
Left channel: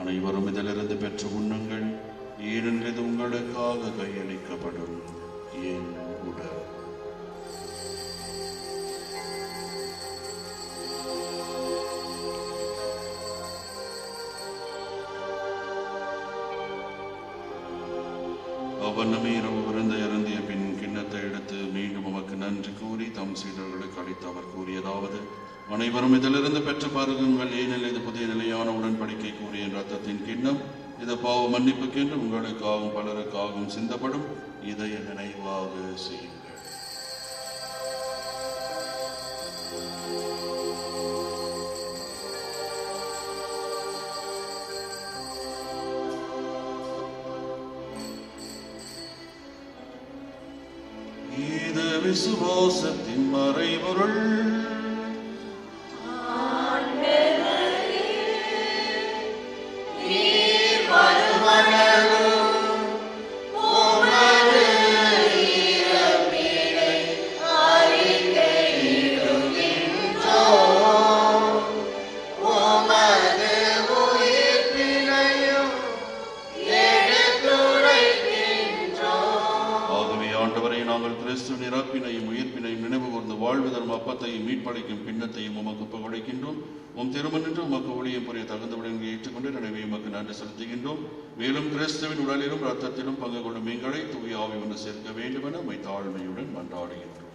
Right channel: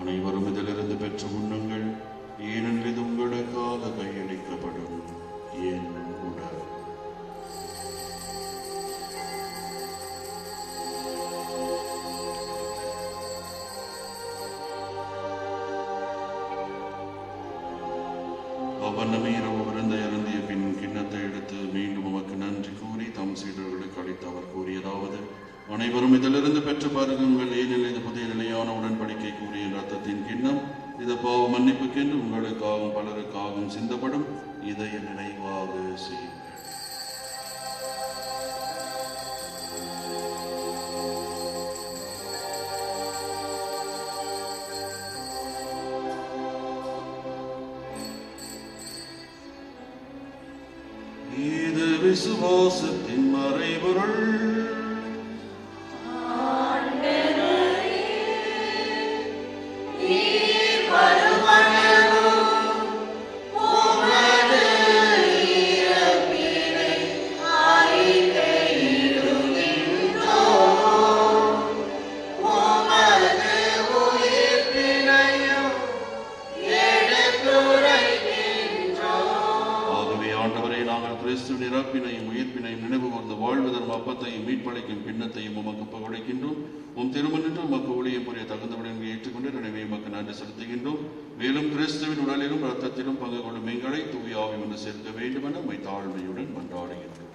அனைவரும் இதிலிருந்து பெற்று உண்ணுங்கள், ஏனென்று இது உங்களுக்காக கையளிக்கப்படும் என் உடல். அவ்வண்ணமே இரவு விருந்தை அருந்திய பின் கிண்ணத்தை எடுத்து மீண்டும் உமக்கு நன்றி கூறி தம் சீடர்களுக்கு அளித்து அவர் கூறியதாவது: அனைவரும் இதிலிருந்து பெற்று பருகுங்கள், ஏனெனில் இது புதிய நிலையான உடன்படிக்கை கூறிய இரத்தத்தின் கிண்ணம். இது பாவ மன்னிப்புக்கென்று உங்களுக்காகவும் பலருக்காகவும் சிந்தப்படும். இதை நினைவாக செய்யுங்கள். இது விசுவாசத்தின் மறைபொருள். ஆகவே ஆண்டவரை நாங்கள் கிறிஸ்துவின் இறப்பினையும் உயிர்ப்பினையும் நினைவு கூர்ந்து வாழ்வதற்கும் அப்பத்தையும் மீட்பளிக்கும் பின்னத்தையும் உமக்கு புகழிக்கின்றோம். உம் திருமணின்று உமக்கு ஊழியம் புரிய தகுந்தவுடன் ஏற்றுக்கொண்டு நினைவை உமக்கு நன்றி செலுத்துகின்றோம். மேலும் கிறிஸ்துவின் உடலிலும் இரத்தத்திலும் பங்கு கொள்ளும் எங்களை தூய ஆவி ஒன்று சேர்க்க வேண்டும் என உம்மை தாழ்மையுடன் மன்றாடுகின்றோம்.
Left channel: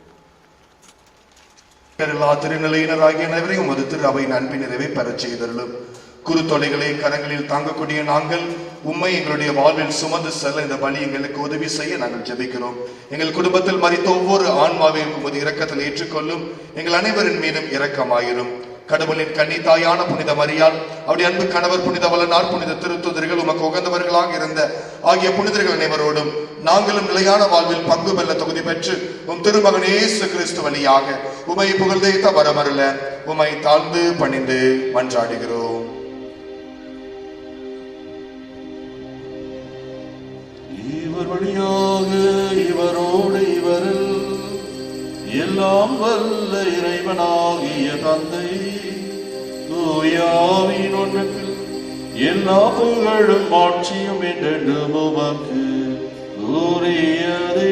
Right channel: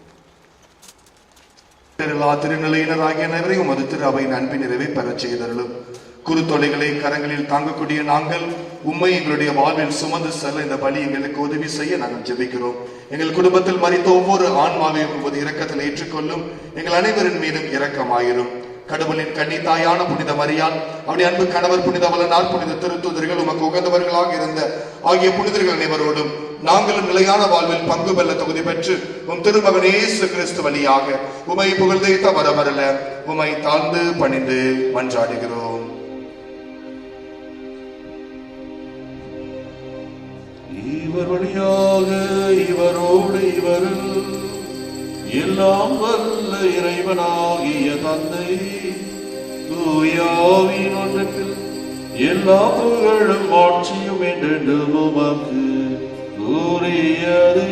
எல்லா திருநிலையினராகிய நகரை உமது திரு அவை அன்பின் நிறைவை பெறச் செய்தருளும். குருத்தொலைகளை கரங்களில் தாங்கக்கூடிய நாங்கள் உம்மை எங்களுடைய வாழ்வில் சுமந்து செல்ல இந்த பலி எங்களுக்கு உதவி செய்ய நாங்கள் ஜெபிக்கிறோம். எங்கள் குடும்பத்தில் மரித்த ஒவ்வொரு ஆன்மாவையும் உமது இரக்கத்தில் ஏற்றுக்கொள்ளும். எங்கள் அனைவரின் மீதும் இரக்கமாயிரும். கடவுளின் கன்னி தாயான புனித மரியாள், அவருடைய அன்பு கணவர் புனித வளனார், புனித திருத்துதர்கள், உமக்கு உகந்தவர்களாக இருந்த ஆகிய புனிதர்கள் அனைவரோடும் நாங்களும் நிலையான வாழ்வில் பங்கு பெற தகுதி பெற்று உம் திருமகன் இயேசு கிறிஸ்து வழியாக உமை புகழ்ந்தேத்த வரமருள உமை தாழ்ந்து பணிந்து மன்றாடுகிறோம். இவர் வழியாக இவரோடு இவரில் எல்லாம் வல்ல இறைவனாகிய தந்தை தூயாவின் ஒன்றில் எல்லா புகழும் ஆட்சியும் என்று உமக்கு உரியதே.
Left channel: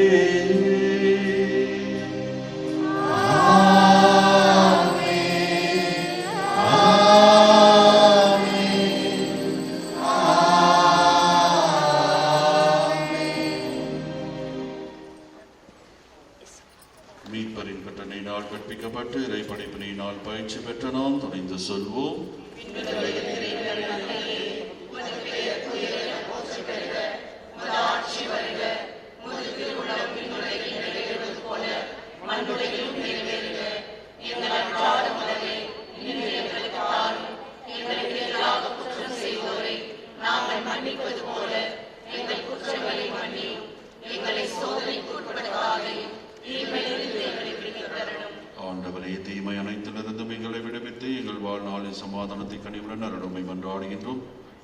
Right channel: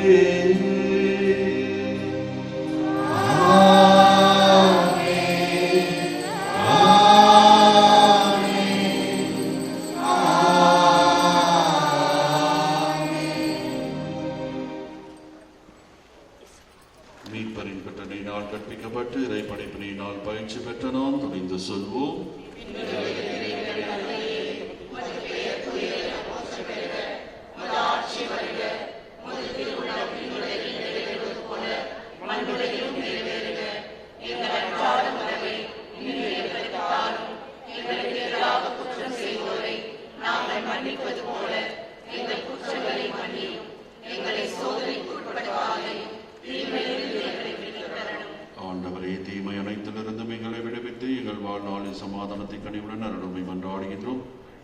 மீட்பரின் கட்டளையினால் கற்பிக்கப்பட்டு இறைப்படைப்பினால் பயிற்சி பெற்ற நாம் துணிந்து சொல்வோம்:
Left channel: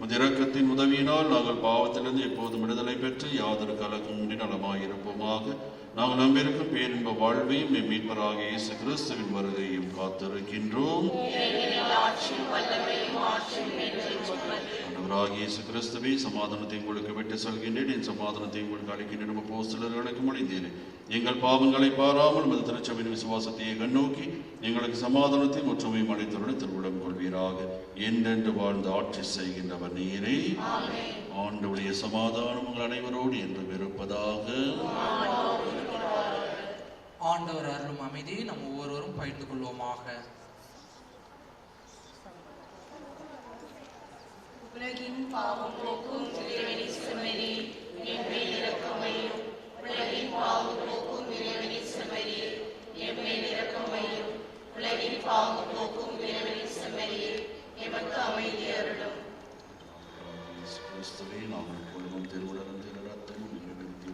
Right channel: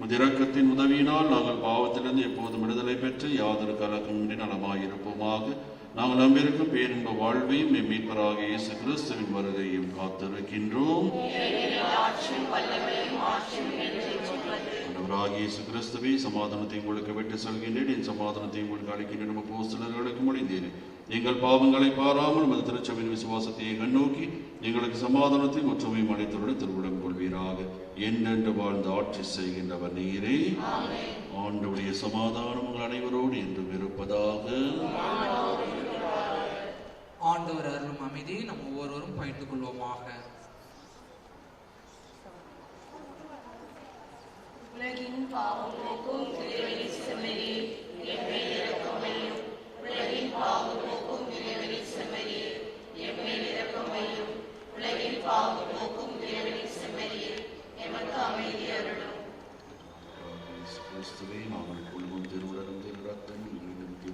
உமது இரக்கத்தின் உதவியினால் நாங்கள் பாவத்திலிருந்து எப்போதும் விடுதலை பெற்று யாதொரு கலக்கமின்றி நலமாயிருப்போமாக. நாங்கள் நம்பியிருக்கும் பேரின்ப வாழ்வையும் எம் மீட்பராக இயேசு கிறிஸ்துவின் வருகையும் காத்திருக்கின்றோம். இயேசு கிறிஸ்துவே, சமாதானத்தை உங்களுக்கு விட்டு செல்கின்றேன், என் சமாதானத்தை உங்களுக்கு அளிக்கின்றேன். அப்போஸ்தலர்களுக்கு மொழிந்தேன். எங்கள் பாவங்களை பாராமல் உமது திருச்சபையின் விசுவாசத்தை கண்ணோக்கி எங்களுக்கு சமாதானத்தை ஒற்றுமையும் அளித்தவுடன் திருவிடம் கொள்வீராக. என்றென்று வாழ்ந்து ஆட்சி செய்கின்றவர் நீரே. ஆண்டவருடைய சமாதானம் உங்கள் அனைவரோடு என்றும் இருப்பதாக. ஆண்டவர் அருளும் அமைதியை நம்ம ஒவ்வொருவரும் பகிர்ந்து கொள்வோமாக. உலகின் பாவம் போக்கும் இறைவனை செம்மறியே, எம்மேல் இரக்கமையும். உலகின் பாவம் போக்கும் இறைவனை செம்மறியே, எம்மேல் இரக்கமையும். உலகின் பாவம் போக்கும் இறைவனை செம்மறியே, எமக்கு அமைதி அருளும். கிறிஸ்துவே, நாங்கள் கொள்ளும் திருவுடன் திரு ரத்தம் எங்களுக்கு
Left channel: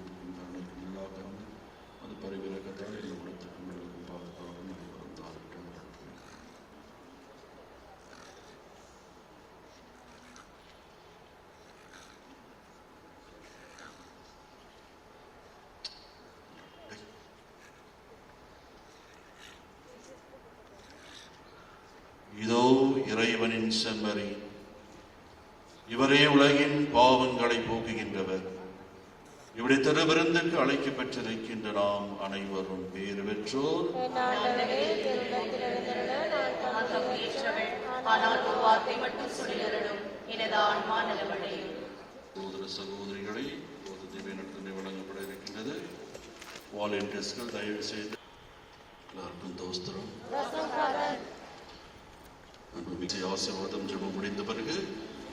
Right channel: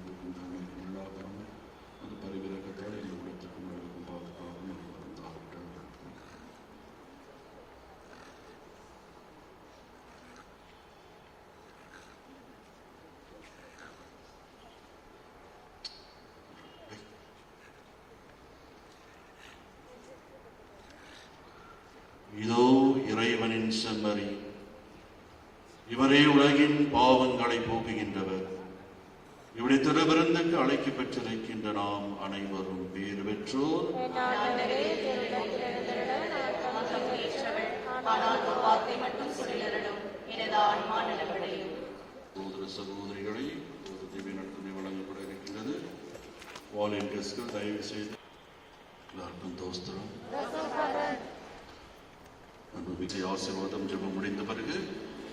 உள்ளாகாமல் அது பரிவிறக்கத்தால் எங்களுக்கு உங்களுக்கு பாதுகாப்பு. இதோ இறைவனின் செம்மறி, இவரே உலகின் பாவங்களை போக்குகின்றவர். இவருடைய திருவிருந்துக்கு அழைக்க பெற்றிருக்கின்ற நாம் அனைவரும் பேறு பெற்றோர். சகோதர சகோதரிகளை வழங்கப்பட இருக்கின்றது. வாலண்டியர்ஸ்கள் தயவு செய்து எல்லாருக்கும் தோஸ்திரம் ஆசீர்வாதம் ஜெபம் முடிந்த பிறகு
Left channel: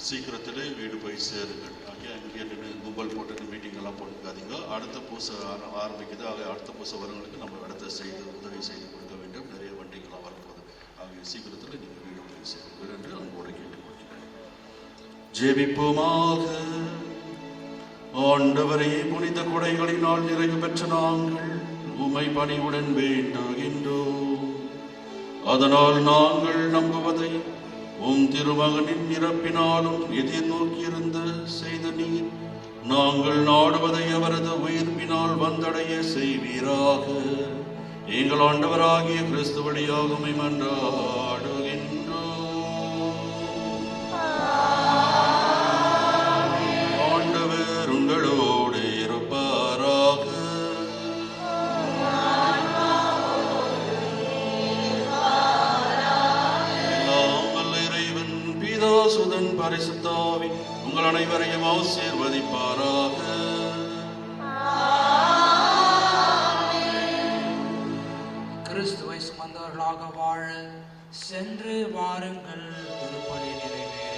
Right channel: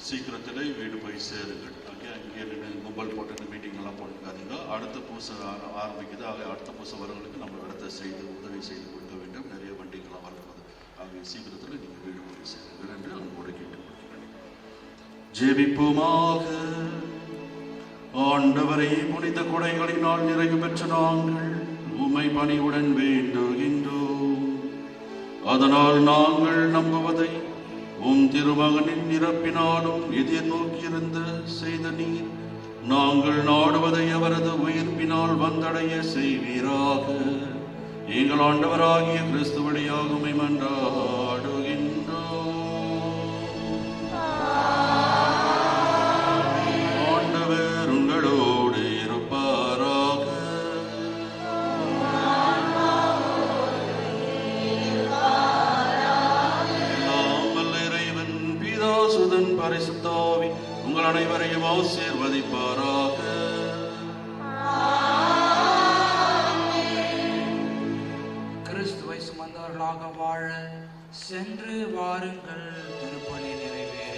சீக்கிரத்தில் வீடு போய் சேருங்கள். அங்கே மொபைல் போட்டு மீட்டிங் எல்லாம் போட்டுக்காதீங்க. அடுத்த பூசை ஆரம்பிக்குது. அடுத்த பூசை வரவங்களுக்கு நம்ம அடுத்த உதவி செய்து கொடுக்க வேண்டும். நிறைய வண்டிகள்லாம் வரப்போகுது. ஆகிய சீக்கிரத்தில் நீங்கள் வீடு போய் சேருங்கள் என்று நம்மளோட கேட்டுக்கொள்கிறேன். ஜெபிப்போமாக. ஆண்டவரை புனித குடைகளினால் நிறைவு பெற்ற நாங்கள் உம்மை பணிவுடன் வேண்டுகின்றோம். அதனால் நாங்கள் நம்புவதை உம் திருமகனின் இறப்பினாலும் எதிர்நோக்கியிருந்த செய்த நீர் நாங்கள் நாடுவதை அவரது உயிர்ப்பினால் வந்தடைய செய்வீராக. எங்கள் ஆண்டவராகிய கிறிஸ்து வழியாக உம்மை மன்றாடுகின்றோம். ஆண்டவர் உங்களோடு இருப்பாராக. சுதன் பரிசுத்தாவி உங்கள் அனைவரையும் ஆசீர்வதிப்பாராக. கிறிஸ்துவை சுமந்தவர்களாக வாழ சென்று வாருங்கள். திருப்பலி நிறைவேறும்.